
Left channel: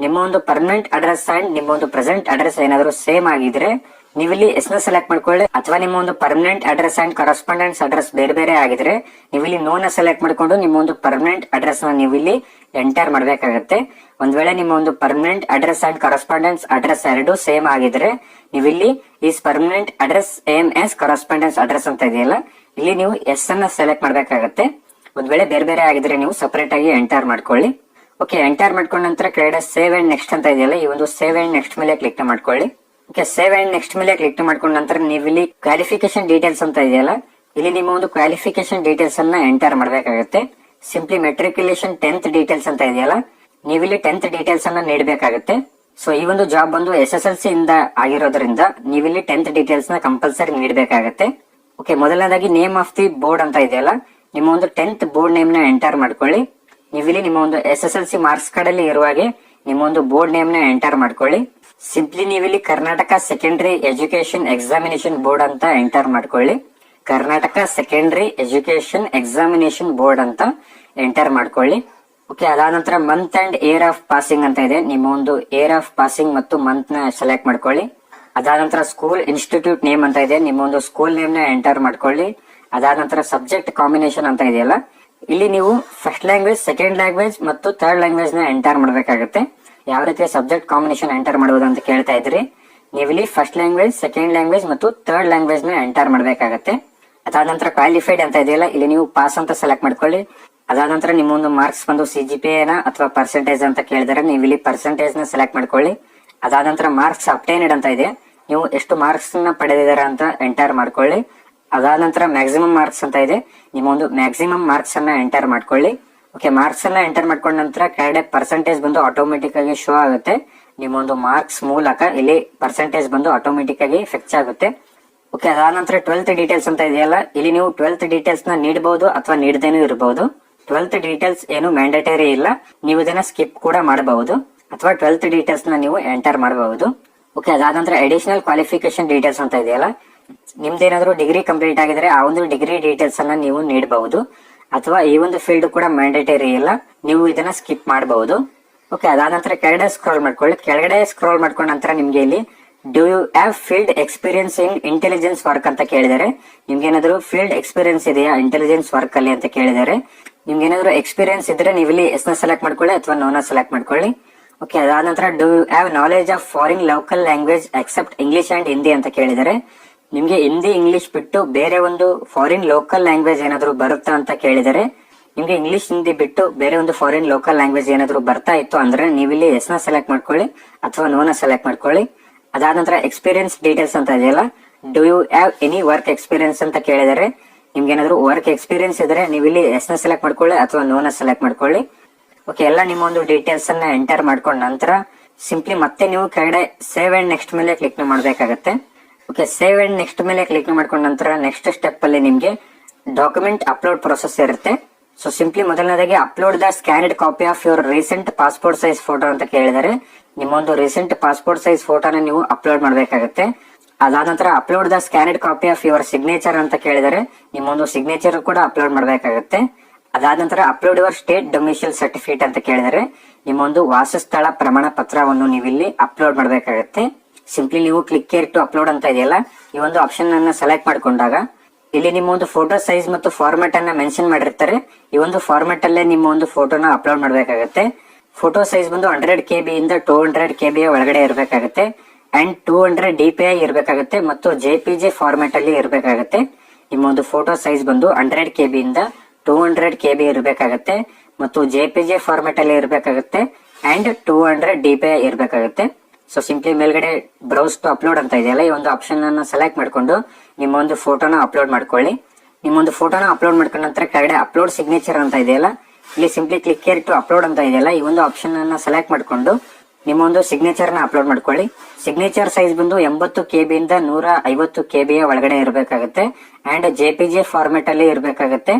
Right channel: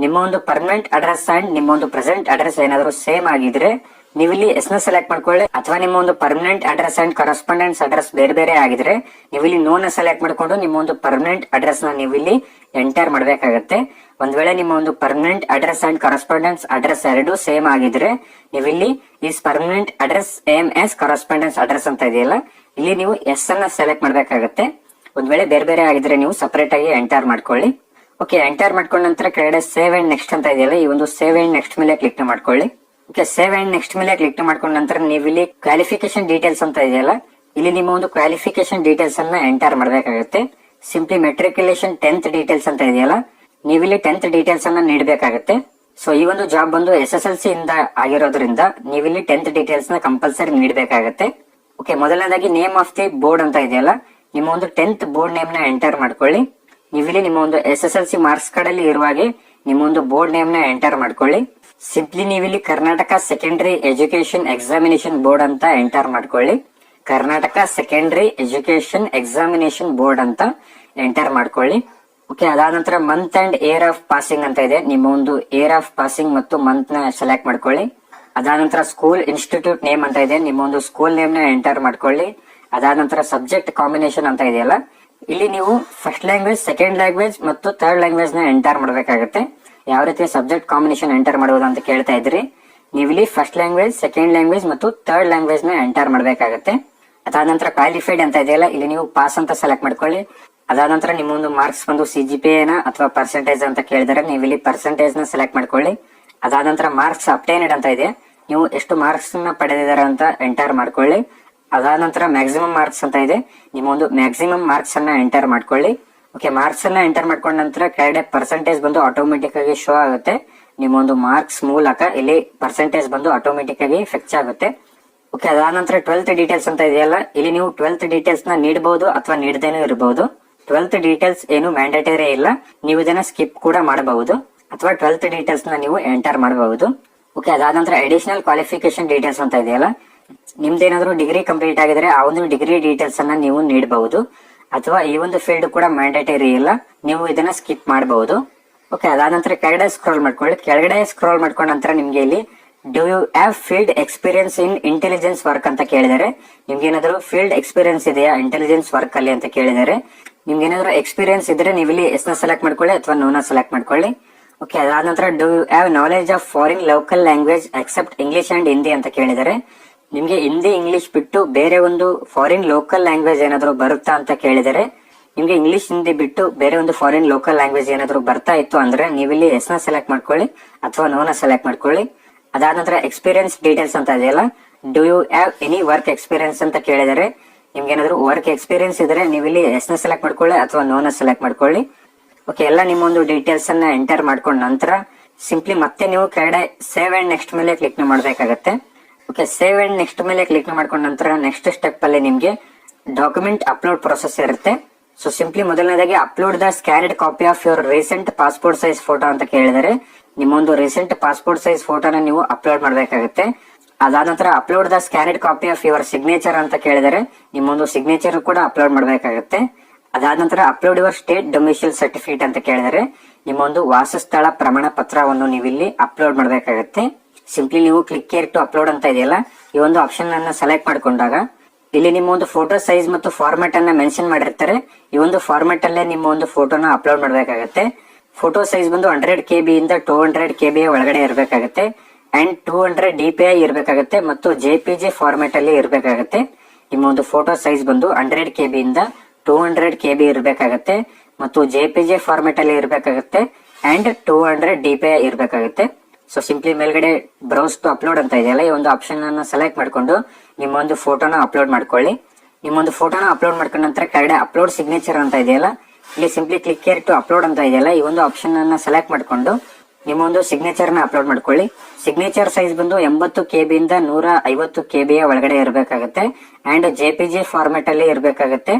ನಿಮ್ಮ ಒಂದು ಪರ್ಮನೆಂಟ್ ಅಡ್ರೆಸ್ ಅಂಡ್ ನಿಮ್ಮ ಒಂದು ಪ್ರೆಸೆಂಟ್ ಅಡ್ರೆಸ್ ಏನಾದರೂ ಸೇಮ್ ಆಗಿದ್ರೆ ನೀವು ಇಲ್ಲಿ ಎಸ್ನ ಸೆಲೆಕ್ಟ್ ಮಾಡ್ಕೊಳ್ಳಿ. ಅಥವಾ ನಿಮ್ಮ ಒಂದು permanent address and correspondence address ಬೇರೆ ಬೇರೆ ಆಗಿದ್ರೆ ನೀವು ಇಲ್ಲಿ ನೋ ನ ಸೆಲೆಕ್ಟ್ ಮಾಡ್ಕೊಂಡು ನಿಮ್ಮ ಒಂದು ಪರ್ಮನೆಂಟ್ ಅಡ್ರೆಸ್ನ ನೀವು ಇಲ್ಲಿ ಎಂಟರ್ ಮಾಡಬೇಕಾಗತ್ತೆ. ಒಂದ್ ವೇಳೆ ನಿಮ್ಮ ಒಂದು permanent address and correspondence address ಎರಡು ಸೇಮ್ ಆಗಿದ್ರೆ ನೀವು ಇಲ್ಲಿ is permanent address M S correspondence address ಅಂತ ಇದೆಯಲ್ಲ, ಇಲ್ಲಿ ನೀವು ಎಸ್ ಅನ್ನ ಸೆಲೆಕ್ಟ್ ಮಾಡಬೇಕಾಗತ್ತೆ. ಒಂದ್ ವೇಳೆ ಬೇರೆ ಬೇರೆ ಆಗಿದ್ರೆ ನೀವು ಸಪರೇಟ್ ಆಗಿ ಎಂಟರ್ ಮಾಡ್ಕೊಳ್ಳಿ. ಓಕೆ ಎಂಟರ್ ಮಾಡ್ಕೊಂಡ ನಂತರ ಕೆಳಗಡೆ ಸೇವ್ ಅಂಡ್ ನೆಕ್ಸ್ಟ್ ಅಂತ ಇದೆಯಲ್ಲ, ಈ ಒಂದು ಸೇವ್ ಅಂಡ್ ನೆಕ್ಸ್ಟ್ ಮೇಲೆ ಕ್ಲಿಕ್ ಮಾಡ್ಕೊಳ್ಳಿ. ಓಕೆ ಸೇವ್ ಅಂಡ್ ನೆಕ್ಸ್ಟ್ ಮೇಲೆ ಕ್ಲಿಕ್ ಮಾಡ್ಕೊಂಡ ನಂತರ ನೀವು ಇಲ್ಲಿ ಕ್ವಾಲಿಫಿಕೇಶನ್ ಡೀಟೇಲ್ಸ್ ಅಂತ ಇದೆಯಲ್ಲ, ಇಲ್ಲಿ ನಿಮ್ಮ ಒಂದು ಕ್ವಾಲಿಫಿಕೇಶನ್ ಡೀಟೇಲ್ಸ್ ಅನ್ನ ಎಂಟರ್ ಮಾಡಬೇಕಾಗುತ್ತೆ. ಸಿಂಪ್ಲಿ ಮೆಟ್ರಿಕ್ಯುಲೇಷನ್ ಟೆಂತ್ ಡೀಟೇಲ್ಸ್ ಅಂತ ಇದೆಯಲ್ಲ, ನೀವು ಇಲ್ಲಿ ಟೆಂತ್ ಡೀಟೇಲ್ಸ್ ಅನ್ನ ನೀಡಬೇಕಾಗುತ್ತೆ. ಸೊ ಈ ಒಂದು ಜಾಬ್ ಬಂದು ಎಸ್ ಎಸ್ ಎಲ್ ಸಿ ಇಂದ ಆಗಿರೋದ್ರಿಂದ ನೀವಿಲ್ಲಿ ಟೆಂತ್ ಡೀಟೇಲ್ಸ್ನ ಕಂಪಲ್ಸರಿ ನೀಡಬೇಕಾಗತ್ತೆ. ಓಕೆ ಮೊದಲನೇದಾಗಿ ನೇಮ್ ಆಫ್ ದಿ ಬೋರ್ಡ್ ಅಂತ ಇದೆಯಲ್ಲ, ನಿಮ್ಮ ಒಂದು ಟೆಂತ್ ಬೋರ್ಡ್ ನೇಮ್ನ ಎಂಟರ್ ಮಾಡ್ಕೊಳ್ಳಿ. ನೀವಿಲ್ಲಿ ನಿಮ್ಮ ಒಂದು S S L C marks card ಅಲ್ಲಿ ಇರುವ ಹಾಗೆ ನಿಮ್ಮ ಒಂದು ಬೋರ್ಡ್ ನೇಮ್ನ ಎಂಟರ್ ಮಾಡ್ಕೊಳ್ಳಿ. ಸಿಂಪ್ಲಿ ನೀವಿಲ್ಲಿ Karnataka secondary education examination board ಅಂತ ಎಂಟರ್ ಮಾಡ್ಕೊಳ್ಳಿ. Karnataka secondary education examination board ಅಂತ ಎಂಟರ್ ಮಾಡ್ಕೊಳ್ಳಿ. ಓಕೆ ಅದಾದ ನಂತರ month and year of passing ಅಂತ ಇದೆ. ನಿಮ್ಮ ಒಂದು ಏರ್ ಆಫ್ ಪಾಸಿಂಗ್ ಮತ್ತು ಮಂತ್ನ ಸೆಲೆಕ್ಟ್ ಮಾಡ್ಕೊಳ್ಳಿ. ಅದಾದ ನಂತರ ಸ್ಕೂಲ್ ಇನ್ಸ್ಟಿಟ್ಯೂಟ್ ನೇಮ್ ಅಂತ ಇದೆ. ನಿಮ್ಮ ಒಂದು ಸ್ಕೂಲ್ ನೇಮ್ನ ಎಂಟರ್ ಮಾಡ್ಕೊಳ್ಳಿ. ಅದಾದ ನಂತರ ಸಬ್ಜೆಕ್ಟ್ ಕಾಂಬಿನೇಷನ್ ಅಂತ ಇದೆಯಲ್ಲ, ಇಲ್ಲಿ ನೀವು ಫಸ್ಟ್ ಲ್ಯಾಂಗ್ವೇಜ್ ಸೆಕೆಂಡ್ ಲ್ಯಾಂಗ್ವೇಜ್ ಮತ್ತು ಥರ್ಡ್ ಲ್ಯಾಂಗ್ವೇಜ್ನ ಎಂಟರ್ ಮಾಡಬೇಕಾಗುತ್ತೆ. ಯಾವ ರೀತಿ ಸಬ್ಜೆಕ್ಟ್ ಕಾಂಬಿನೇಷನ್ ಎಂಟರ್ ಮಾಡಬಹುದು ಅಂತ ಕೇಳ್ತಾ ಇದ್ರಿ. ನೀವು ಇಲ್ಲಿ ಫಸ್ಟ್ ಲ್ಯಾಂಗ್ವೇಜ್ ಸೆಕೆಂಡ್ ಲ್ಯಾಂಗ್ವೇಜ್ ಮತ್ತು ಥರ್ಡ್ ಲ್ಯಾಂಗ್ವೇಜ್ನ ಎಂಟರ್ ಮಾಡಬೇಕಾಗುತ್ತೆ. ಅದಾದ ನಂತರ ಕ್ವಾಲಿಫೈಡ್ ಅಂತ ಇದೆಯಲ್ಲ, ಇಲ್ಲಿ ನೀವು ಪಾಸ್ ಅಂತ ಸೆಲೆಕ್ಟ್ ಮಾಡ್ಕೊಳ್ಳಿ. ಅದಾದ ನಂತರ ನಿಮ್ಮ ಒಂದು ಮಾರ್ಕ್ಸ್ ಬಂದು ಸಿ ಜಿ ಪಿ ಎನ ಅಥವಾ ಪರ್ಸೆಂಟೇಜ್ ಅಂತ ಕೇಳಿದರೆ ನೀವು ಇಲ್ಲಿ ಪರ್ಸೆಂಟೇಜ್ನ ಸೆಲೆಕ್ಟ್ ಮಾಡ್ಕೊಳ್ಳಿ. ಅದಾದ ನಂತರ ಮಾರ್ಕ್ಸ್ ಅಪ್ಟೇನೆಡ್ ಅಂತ ಇದೆ. ನೀವು ಎಷ್ಟು ಮಾರ್ಕ್ಸ್ನ ಪಡೆದಿದ್ದಾರೆ ಅಂತ ಎಂಟರ್ ಮಾಡ್ಕೊಳ್ಳಿ. ಅದಾದ ನಂತರ ಮ್ಯಾಕ್ಸಿಮಮ್ ಮಾರ್ಕ್ಸ್ ಅಂತ ಇದೆ. ನಿಮ್ಮ ಒಂದು ಮ್ಯಾಕ್ಸಿಮಮ್ ಮಾರ್ಕ್ಸ್ ಅನ್ನ ಎಂಟರ್ ಮಾಡ್ಕೊಳ್ಳಿ. ಓಕೆ ಮಾರ್ಕ್ಸ್ ಎಲ್ಲ ಎಂಟರ್ ಮಾಡ್ಕೊಂಡ ನಂತರ ಕೆಳಗಡೆ ಪರ್ಸೆಂಟೇಜ್ ಬಂದು ಆಟೋಮೆಟಿಕ್ ಆಗಿ ಶೋ ಆಗುತ್ತೆ. ನಿಮ್ಮ ಒಂದು ಮಾರ್ಕ್ಸ್ ಮೂಲಕ ಇಲ್ಲಿ ಪರ್ಸೆಂಟೇಜ್ ಬಂದು ಆಟೋಮೆಟಿಕ್ ಆಗಿ ಫೆಚ್ ಆಗುತ್ತೆ. ಓಕೆ ಅದಾದ ನಂತರ ಟ್ವೆಲ್ತ್ ಡೀಟೇಲ್ಸ್ ಅಂತ ಇದೆಯಲ್ಲ, ಇಲ್ಲಿ ನೀವು ಟ್ವೆಲ್ತ್ ಡೀಟೇಲ್ಸ್ನ ನೀಡಬಹುದು ಅಥವಾ ನೀಡದೇನೂ ಇರಬಹುದು ಟ್ವೆಲ್ತ್ ಡೀಟೇಲ್ಸ್ ಏನು ಮ್ಯಾಂಡೇಟರಿ ಇಲ್ಲ. ನೀವು ಇದನ್ನ ಸ್ಕಿಪ್ ಕೂಡ ಮಾಡಬಹುದು. ಅಥವಾ ಟ್ವೆಲ್ತ್ ಡೀಟೇಲ್ಸ್ನ ನೀವು ಎಂಟರ್ ಮಾಡಬಹುದು. ಓಕೆ ಅದಾದ ನಂತರ ಅಡಿಷನಲ್ ಕ್ವಾಲಿಫಿಕೇಶನ್ ಡೀಟೇಲ್ಸ್ ಅಂತ ಇದೆಯಲ್ಲ, ನಿಮ್ದೇನಾದ್ರೂ ಡಿಗ್ರಿ ಕಂಪ್ಲೀಟ್ ಆಗಿದ್ರೆ ಆ ಒಂದು ಡಿಗ್ರಿ ಡೀಟೇಲ್ಸ್ ಅನ್ನ ನೀವು ನೀಡಬಹುದು. ಅಥವಾ ಈ ಒಂದು ಫೀಲ್ಡ್ ಕೂಡ ಮ್ಯಾಂಡೇಟರಿ ಇಲ್ಲ ನೀವು ಇದನ್ನ ಸ್ಕಿಪ್ ಮಾಡಬಹುದು. ಓಕೆ ಅದಾದ ನಂತರ ಕೆಳಗಡೆ ಸ್ಕ್ರೋಲ್ ಮಾಡ್ಕೊಳ್ಳಿ. ಕೆಳಗಡೆ ಸ್ಕ್ರೋಲ್ ಮಾಡ್ಕೊಂಡ ನಂತರ ನಿಮ್ಗೆ ಇಲ್ಲಿ do you have field experience in intelligence work ಅಂತ ಕೇಳಿದರೆ. ನಿಮ್ಗೆ ಏನಾದ್ರು ಫೀಲ್ಡ್ ಎಕ್ಸ್ಪೀರಿಯನ್ಸ್ ಇದೆಯಾ ಇಂಟೆಲಿಜೆನ್ಸ್ ವರ್ಕ್ ಅಲ್ಲಿ ಅಂತ ಕೇಳಿದರೆ. ನಿಮ್ಗೆ ಏನಾದ್ರು ಎಕ್ಸ್ಪೀರಿಯನ್ಸ್ ಇದ್ರೆ ನೀವು ಇಲ್ಲಿ ಎಸ್ನ ಸೆಲೆಕ್ಟ್ ಮಾಡ್ಕೊಳ್ಳಿ ಅಥವಾ ನೋನ ಸೆಲೆಕ್ಟ್ ಮಾಡ್ಕೊಳ್ಳಿ. ಓಕೆ ಅದಾದ ನಂತರ do you have knowledge of foreign local language except English and Hindi ಅಂತ ಕೇಳಿದರೆ. ನಿಮ್ಗೆ ಹಿಂದಿ ಇಂಗ್ಲಿಷ್ ಬಿಟ್ಟು ಬೇರೆ ಒಂದು ಫಾರಿನ್ ಲೋಕಲ್ ಲ್ಯಾಂಗ್ವೇಜ್ ಏನಾದ್ರು ಬರುತ್ತಾ ಅಂತ ಕೇಳಿದರೆ, ನಿಮ್ಗೆ ಇಂಗ್ಲಿಷ್ ಹಿಂದಿ ಬಿಟ್ಟು ಬೇರೆ ಒಂದು ಫಾರಿನ್ ಲೋಕಲ್ ಲ್ಯಾಂಗ್ವೇಜ್ ಏನಾದ್ರು ಬರ್ತಾ ಇತ್ತು ಅಂದ್ರೆ ನೀವಿಲ್ಲಿ ಎಸ್ನ ಸೆಲೆಕ್ಟ್ ಮಾಡ್ಕೊಳ್ಳಿ ಅಥವಾ ನೋನ ಸೆಲೆಕ್ಟ್ ಮಾಡ್ಕೊಳ್ಳಿ. ಅದಾದ ನಂತರ ಎಕ್ಸ್ಪೀರಿಯನ್ಸ್ ಡೀಟೇಲ್ಸ್ ಅಂತ ಇದೆಯಲ್ಲ do you have any work experience ಅಂತ ಕೇಳಿದರೆ, ನಿಮ್ಗೆ ಏನಾದರೂ ವರ್ಕ್ ಎಕ್ಸ್ಪೀರಿಯನ್ಸ್ ಇದ್ರೆ ನೀವಿಲ್ಲಿ ಎಸ್ನ ಸೆಲೆಕ್ಟ್ ಮಾಡ್ಕೊಳ್ಳಿ ಅಥವಾ ನೋನ ಸೆಲೆಕ್ಟ್ ಮಾಡ್ಕೊಳ್ಳಿ. ಓಕೆ ಎಲ್ಲ ನಿಮ್ಮ ಒಂದು ಡೀಟೇಲ್ಸ್ ಅನ್ನ ಎಂಟರ್ ಮಾಡ್ಕೊಂಡ ನಂತರ ಸಿಂಪ್ಲಿ ಮತ್ತೆ ನೀವು ಕೆಳಗಡೆ ಸೇವ್ ಅಂಡ್ ನೆಕ್ಸ್ಟ್ ಮೇಲೆ ಕ್ಲಿಕ್ ಮಾಡಬೇಕಾಗತ್ತೆ. ಓಕೆ ಸೇವ್ ಅಂಡ್ ನೆಕ್ಸ್ಟ್ ಮೇಲೆ ಕ್ಲಿಕ್ ಮಾಡ್ಕೊಂಡ ನಂತರ ನೆಕ್ಸ್ಟ್ ಸ್ಟೆಪ್ ಅಲ್ಲಿ ನಿಮ್ಗೆ ಡಾಕ್ಯುಮೆಂಟ್ ಅಪ್ಲೋಡ್ ಪ್ರೊಸೆಸ್ ಇರುತ್ತೆ. ಸೊ ಸಿಂಪ್ಲಿ ಮೊದಲನೇದಾಗಿ upload the scanned copy of your recent passport size photo ಅಂತ ಕೇಳಿದರೆ, ನಿಮ್ಮೊಂದು ರೀಸೆಂಟ್ ಪಾಸ್ಪೋರ್ಟ್ ಸೈಜ್ ಫೋಟೋನ ನೀವು ಅಪ್ಲೋಡ್ ಮಾಡಬೇಕಾಗುತ್ತೆ. ಅದಾದ ನಂತರ upload the scanned copy of your signature ಅಂತ ಕೇಳಿದರೆ, ನಿಮ್ಮೊಂದು ಸಿಗ್ನೇಚರ್ ಕೂಡ ಅಪ್ಲೋಡ್ ಮಾಡಬೇಕಾಗುತ್ತೆ. ಅದಾದ ನಂತರ upload your state domicile certificate ಅಂತ ಕೇಳಿದರೆ, ನಿಮ್ಮೊಂದು ವಾಸಸ್ಥಳ ಪ್ರಮಾಣ ಪತ್ರವನ್ನು ನೀವಿಲ್ಲಿ ಅಪ್ಲೋಡ್ ಮಾಡಬೇಕಾಗುತ್ತೆ. ಸಿಂಪ್ಲಿ ನೀವು ಕ್ಲಿಕ್ ಕೇರ್ ಟು ಅಪ್ಲೋಡ್ ಅಂತ ಇದೆಯಲ್ಲ, ಈ ಒಂದು ಆಪ್ಷನ್ ಅನ್ನ ಸೆಲೆಕ್ಟ್ ಮಾಡ್ಕೊಂಡಾಗ, ಇಲ್ಲಿ ನಿಮ್ಮ ಒಂದು ಫೋಟೋ ಸೈಜ್ ಮತ್ತು ಫಾರ್ಮ್ಯಾಟ್ ಅನ್ನ ಮೆನ್ಷನ್ ಮಾಡಿರ್ತಾರೆ. ಈ ಒಂದು ಫಾರ್ಮ್ಯಾಟ್ ಅಲ್ಲೇ ನಿಮ್ಮ ಒಂದು ಫೋಟೋನ ಅಪ್ಲೋಡ್ ಮಾಡಬೇಕಾಗುತ್ತೆ. ಫೋಟೋ ಸೈಜ್ ಬಂದು ಹಂಡ್ರೆಡ್ ಕೆ ಬಿ ಇಂದ ಟೂ ಹಂಡ್ರೆಡ್ ಕೆ ಬಿ ಒಳಗಡೆ ಇರಬೇಕಾಗುತ್ತೆ. And two hundred D P I ಇರಬೇಕಾಗುತ್ತೆ ಮತ್ತು ಜೆ ಪಿ ಜಿ ಫಾರ್ಮೆಟ್ ಅಲ್ಲಿ ಇರಬೇಕಾಗುತ್ತೆ. ನಿಮ್ಮ ಒಂದು ಫೋಟೋ ಸೈಜ್ ಬಂದು ಹಂಡ್ರೆಡ್ ಕೆ ಬಿ ಇಂದ ಟೂ ಹಂಡ್ರೆಡ್ ಕೆ ಬಿ ಇರಬೇಕಾಗುತ್ತೆ ಮತ್ತು ಜೆ ಪಿ ಜಿ ಫಾರ್ಮೆಟ್ ಅಲ್ಲಿ ಇರಬೇಕಾಗುತ್ತೆ. And two hundred D P I ಇರಬೇಕಾಗುತ್ತೆ. ಸೊ ಸಿಂಪ್ಲಿ ಮೇಲ್ಗಡೆ ಬ್ರೌಸ್ ಟು ಅಪ್ಲೋಡ್ ಅಂತ ಇದೆಯಲ್ಲ ಈ ಒಂದು ಆಪ್ಷನ್ ಅನ್ನು ಸೆಲೆಕ್ಟ್ ಮಾಡ್ಕೊಂಡು ನಿಮ್ಮೊಂದು ಫೋಟೋನ ಅಪ್ಲೋಡ್ ಮಾಡ್ಕೊಳ್ಳಿ. ನಿಮ್ಮೊಂದು ಫೋಟೋನ ಅಪ್ಲೋಡ್ ಮಾಡ್ಕೊಂಡ ನಂತರ ಕೆಳಗಡೆ ಅಪ್ಲೋಡ್ ಸಿಗ್ನೇಚರ್ ಅಂತ ಇದೆಯಲ್ಲ ಇಲ್ಲಿ simply click here to upload ಅಂತ ಇದೆಯಲ್ಲ ಈ ಒಂದು ಆಪ್ಷನ್ ಅನ್ನ ಸೆಲೆಕ್ಟ್ ಮಾಡ್ಕೊಂಡು ನಿಮ್ಮೊಂದು ಸಿಗ್ನೇಚರ್ನ ಅಪ್ಲೋಡ್ ಮಾಡ್ಕೊಳ್ಳಿ. ಸಿಗ್ನೇಚರ್ ಸೈಜ್ ಬಂದು ಎಂಬತ್ತು ಕೆ ಬಿ ಇಂದ ನೂರ ಐವತ್ತು ಕೆ ಬಿಯ ಒಳಗಡೆ ಇರಬೇಕಾಗುತ್ತೆ. And J P G format ಅಲ್ಲಿ ಇರಬೇಕಾಗುತ್ತೆ.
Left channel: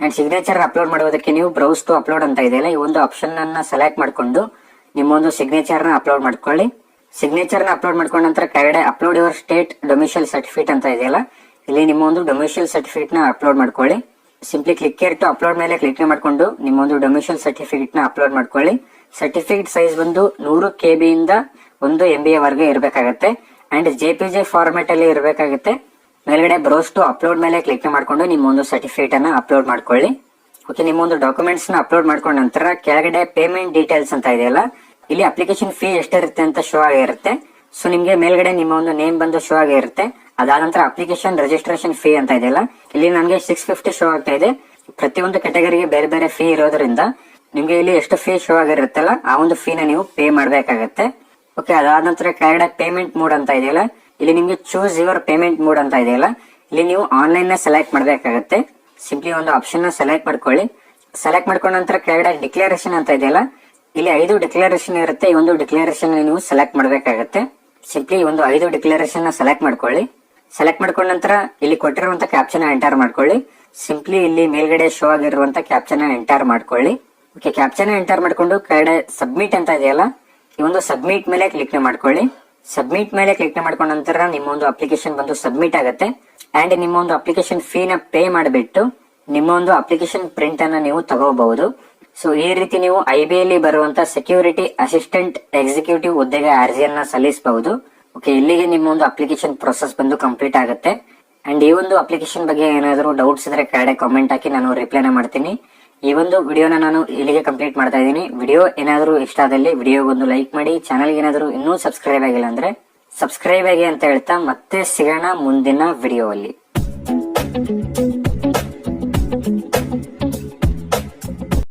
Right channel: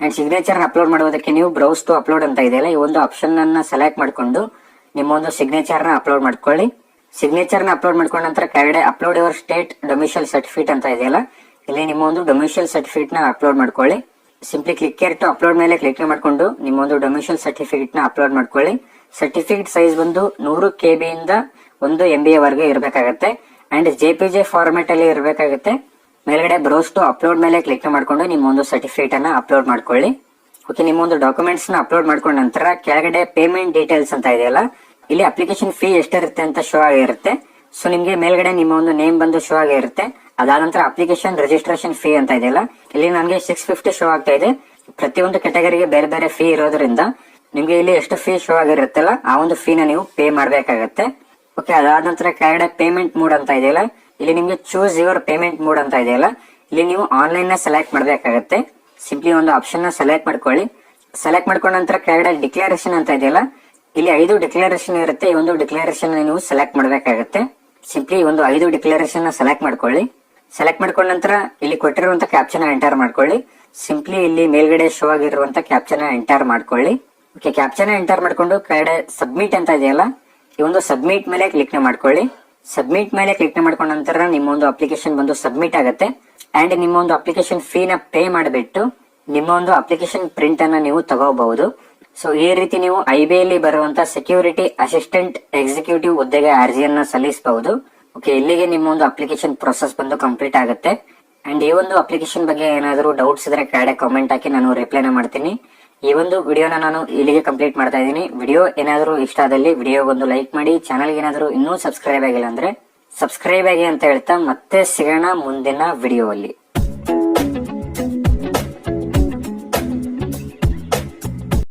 ಅಂಡ್ ಸಿಗ್ನೇಚರ್ ಅಪ್ಲೋಡ್ ಮಾಡೋದಕ್ಕೆ ನೀವು ಬ್ರೌಸ್ ಟು ಅಪ್ಲೋಡ್ ಅಂತ ಇದೆಯಲ್ಲ ಈ ಒಂದು ಆಪ್ಷನ್ ಅನ್ನ ಸೆಲೆಕ್ಟ್ ಮಾಡ್ಕೊಂಡು ನಿಮ್ಮೊಂದು ಸಿಗ್ನೇಚರ್ನ ಅಪ್ಲೋಡ್ ಮಾಡ್ಕೊಳ್ಳಿ. ಸಿಗ್ನೇಚರ್ನ ಅಪ್ಲೋಡ್ ಮಾಡ್ಕೊಂಡ ನಂತರ ಕೆಳಗಡೆ upload your state domicile certificate ಅಂತ ಇದೆಯಲ್ಲ, ಇಲ್ಲಿ ನಿಮ್ಮ ಒಂದು ಡೊಮಿಷಿಯಲ್ ಸರ್ಟಿಫಿಕೇಟ್ನ ಅಪ್ಲೋಡ್ ಮಾಡ್ಕೊಳ್ಳಿ. ಸಿಂಪ್ಲಿ ಕ್ಲಿಕ್ ಟು ಅಪ್ಲೋಡ್ ಮೇಲೆ ಕ್ಲಿಕ್ ಮಾಡ್ಕೊಂಡು ನಿಮ್ಮ ಒಂದು ಸರ್ಟಿಫಿಕೇಟ್ನ ಅಪ್ಲೋಡ್ ಮಾಡ್ಕೊಳ್ಳಿ. ಸರ್ಟಿಫಿಕೇಟ್ ಸೈಜ್ ಬಂದು ನೂರು ಕೆ ಬಿ ಇಂದ ಒಂದು ಎಂ ಬಿ ವರೆಗೆ ಇರಬೇಕಾಗತ್ತೆ. And J P G format ಅಲ್ಲಿ ಇರಬೇಕಾಗತ್ತೆ. ಮೇಲ್ಗಡೆ ಬ್ರೌಸ್ ಟು ಅಪ್ಲೋಡ್ ಮೇಲೆ ಕ್ಲಿಕ್ ಮಾಡ್ಕೊಂಡು ನಿಮ್ಮ ಒಂದು ಸರ್ಟಿಫಿಕೇಟ್ ಅನ್ನ ಅಪ್ಲೋಡ್ ಮಾಡ್ಕೊಳ್ಳಿ. ಓಕೆ ನಿಮ್ಮ ಒಂದು ಡಾಕ್ಯುಮೆಂಟ್ಸ್ನ ಅಪ್ಲೋಡ್ ಮಾಡ್ಕೊಂಡ ನಂತರ ಕೆಳಗಡೆ ಪೇಮೆಂಟ್ ಡೀಟೇಲ್ಸ್ ಅಂತ ಇದೆಯಲ್ಲ ಇಲ್ಲಿ ಅಪ್ಲಿಕೇಶನ್ ಫೀ ಎಷ್ಟಿರುತ್ತೆ ಅಂತ ಶೋ ಆಗಿರುತ್ತೆ. ಸೊ ನಿಮ್ಗೆ ಮೇಲ್ಗಡೆ ನಿಮ್ಮ ಒಂದು ನೇಮ್ ಬಂದು ಶೋ ಆಗಿರುತ್ತೆ. ಅದಾದ ನಂತರ ಅಪ್ಲಿಕೇಶನ್ ರಿಜಿಸ್ಟ್ರೇಷನ್ ಫೀ ಅಂತ ಇದೆಯಲ್ಲ ಇಲ್ಲಿ ನನಗೆ ಸಿಕ್ಸ್ ಫಿಫ್ಟಿ ಶೋ ಆಗ್ತಾ ಇದೆ. ಪ್ರತಿಯೊಂದು ಕೆಟಗರಿಗೆ ಬೇರೆ ಬೇರೆ ಫೀ ಇರೋದ್ರಿಂದ ನಿಮ್ಗೆ ಇಲ್ಲಿ ಎಷ್ಟು ಫೀ ಶೋ ಆಗಿರುತ್ತಲ್ಲ, ಆ ಒಂದು ಫೀನ ನೀವು ಪೇ ಮಾಡಬೇಕಾಗತ್ತೆ. ಓಕೆ ಅದಾದ ನಂತರ ಕೆಳಗಡೆ ಪೇಮೆಂಟ್ ಮೋಡ್ ಅಂತ ಇದೆಯಲ್ಲ ಇಲ್ಲಿ ನಿಮ್ಗೆ ಚೂಸ್ ಯುವರ್ ಪೇಮೆಂಟ್ ಮೋಡ್ ಅಂತ ಇದೆಯಲ್ಲ ಇಲ್ಲಿ ನೀವು ಆನ್ಲೈನ್ನ ಸೆಲೆಕ್ಟ್ ಮಾಡಬೇಕಾಗತ್ತೆ. ಸಿಂಪ್ಲಿ ಒಂದು ಆಪ್ಷನ್ನ ಸೆಲೆಕ್ಟ್ ಮಾಡ್ಕೊಳ್ಳಿ. ಸೆಲೆಕ್ಟ್ ಮಾಡ್ಕೊಂಡ ನಂತರ ಕೆಳಗಡೆ ಡಿಕ್ಲರೇಷನ್ ಅಂತ ಇದೆಯಲ್ಲ ಇಲ್ಲಿ ಐದು ಡಿಕ್ಲರೇಷನ್ ಇರುತ್ತೆ. ಈ ಒಂದು ಡಿಕ್ಲರೇಷನ್ ನೀವು ಸೆಲೆಕ್ಟ್ ಮಾಡಬೇಕಾಗತ್ತೆ. ಸಿಂಪ್ಲಿ ಒಂದು ಐದು ಡಿಕ್ಲರೇಷನ್ನ ಸೆಲೆಕ್ಟ್ ಮಾಡ್ಕೊಳ್ಳಿ. ಸೆಲೆಕ್ಟ್ ಮಾಡ್ಕೊಂಡ ನಂತರ ಇಲ್ಲಿ ಕೊಟ್ಟಿರುವಂತ ಕ್ಯಾಪ್ಷನ್ ಎಂಟರ್ ಮಾಡ್ಕೊಳ್ಳಿ. ಸಿಂಪ್ಲಿ ಇಲ್ಲಿ ಮೇಲ್ಗಡೆ ಶೋ ಆಗಿರುವಂತ ಕ್ಯಾಪ್ಷನ್ ಎಂಟರ್ ಮಾಡ್ಕೊಳ್ಳಿ. ಓಕೆ ಕ್ಯಾಪ್ಷನ್ ಎಂಟರ್ ಮಾಡ್ಕೊಂಡು ಕಡೆ ಸಬ್ಮಿಟ್ ಅಂತ ಇದೆಯಲ್ಲ, ಈ ಒಂದು ಸಬ್ಮಿಟ್ ಮೇಲೆ ಕ್ಲಿಕ್ ಮಾಡ್ಕೊಳ್ಳಿ. ಸಬ್ಮಿಟ್ ಮೇಲೆ ಕ್ಲಿಕ್ ಮಾಡ್ಕೊಂಡ ನಂತರ ನಿಮ್ಮ ಒಂದು ಅಪ್ಲಿಕೇಶನ್ ಬಂದು ಸಬ್ಮಿಟ್ ಆಗುತ್ತೆ. ಅಂಡ್ ನಿಮ್ಮ ಒಂದು ಅಪ್ಲಿಕೇಶನ್ ಫೀನ ಪೇ ಮಾಡಿಬಿಟ್ಟು ನಿಮ್ಮ ಒಂದು ಅಪ್ಲಿಕೇಶನ್ ಪ್ರಿಂಟ್ ಅನ್ನ ನೀವು ತಗೋಬಹುದು. ಸೊ ಈ ರೀತಿ ನೀವು ಐ ಬಿ ಅಲ್ಲಿ ಬರುವಂತ ಸೆಕ್ಯೂರಿಟಿ ಅಸಿಸ್ಟೆಂಟ್ ಎಕ್ಸಿಕ್ಯೂಟಿವ್ ಹುದ್ದೆಗೆ ಅರ್ಜಿಯನ್ನ ಸಲ್ಲಿಸಬಹುದು. ಓಕೆ ಇಲ್ಲಿಗೆ ನಿಮ್ಮ ಒಂದು ಅಪ್ಲಿಕೇಶನ್ ಪ್ರೊಸೆಸ್ ಬಂದು ಕಂಪ್ಲೀಟ್ ಆಗುತ್ತೆ. ಅಂಡ್ ಈ ಒಂದು ಅಪ್ಲಿಕೇಶನ್ ಬಗ್ಗೆ ಏನಾದರೂ ಡೌಟ್ಸ್ ಇದ್ರೆ ಕೆಳಗಡೆ ಕಾಮೆಂಟ್ ಹಾಕಿ ನಾನು ರಿಪ್ಲೈನ ಮಾಡ್ತೀನಿ. ಈ ಒಂದು ವಿಡಿಯೋನ ನಾನು ಇಲ್ಲಿಗೆ ಕಂಪ್ಲೀಟ್ ಮಾಡ್ತಾ ಇದ್ದೀನಿ. ವಿಡಿಯೋ ಏನಾದರೂ ಇಷ್ಟ ಆದಲ್ಲಿ ವಿಡಿಯೋ ಒಂದು ಲೈಕ್ ಮಾಡಿ. ಚಾನಲ್ಗೆ ಏನಾದರೂ ಇನ್ನೂ ಸಬ್ಸ್ಕ್ರೈಬ್ ಆಗಿಲ್ಲ ಅಂದ್ರೆ ಸಬ್ಸ್ಕ್ರೈಬ್ ಆಗಿ ಅಂತ ಹೇಳ್ತಾ ಮತ್ತೆ ಸಿಗೋಣ ಮುಂದಿನ ವಿಡಿಯೋ ಅಲ್ಲಿ.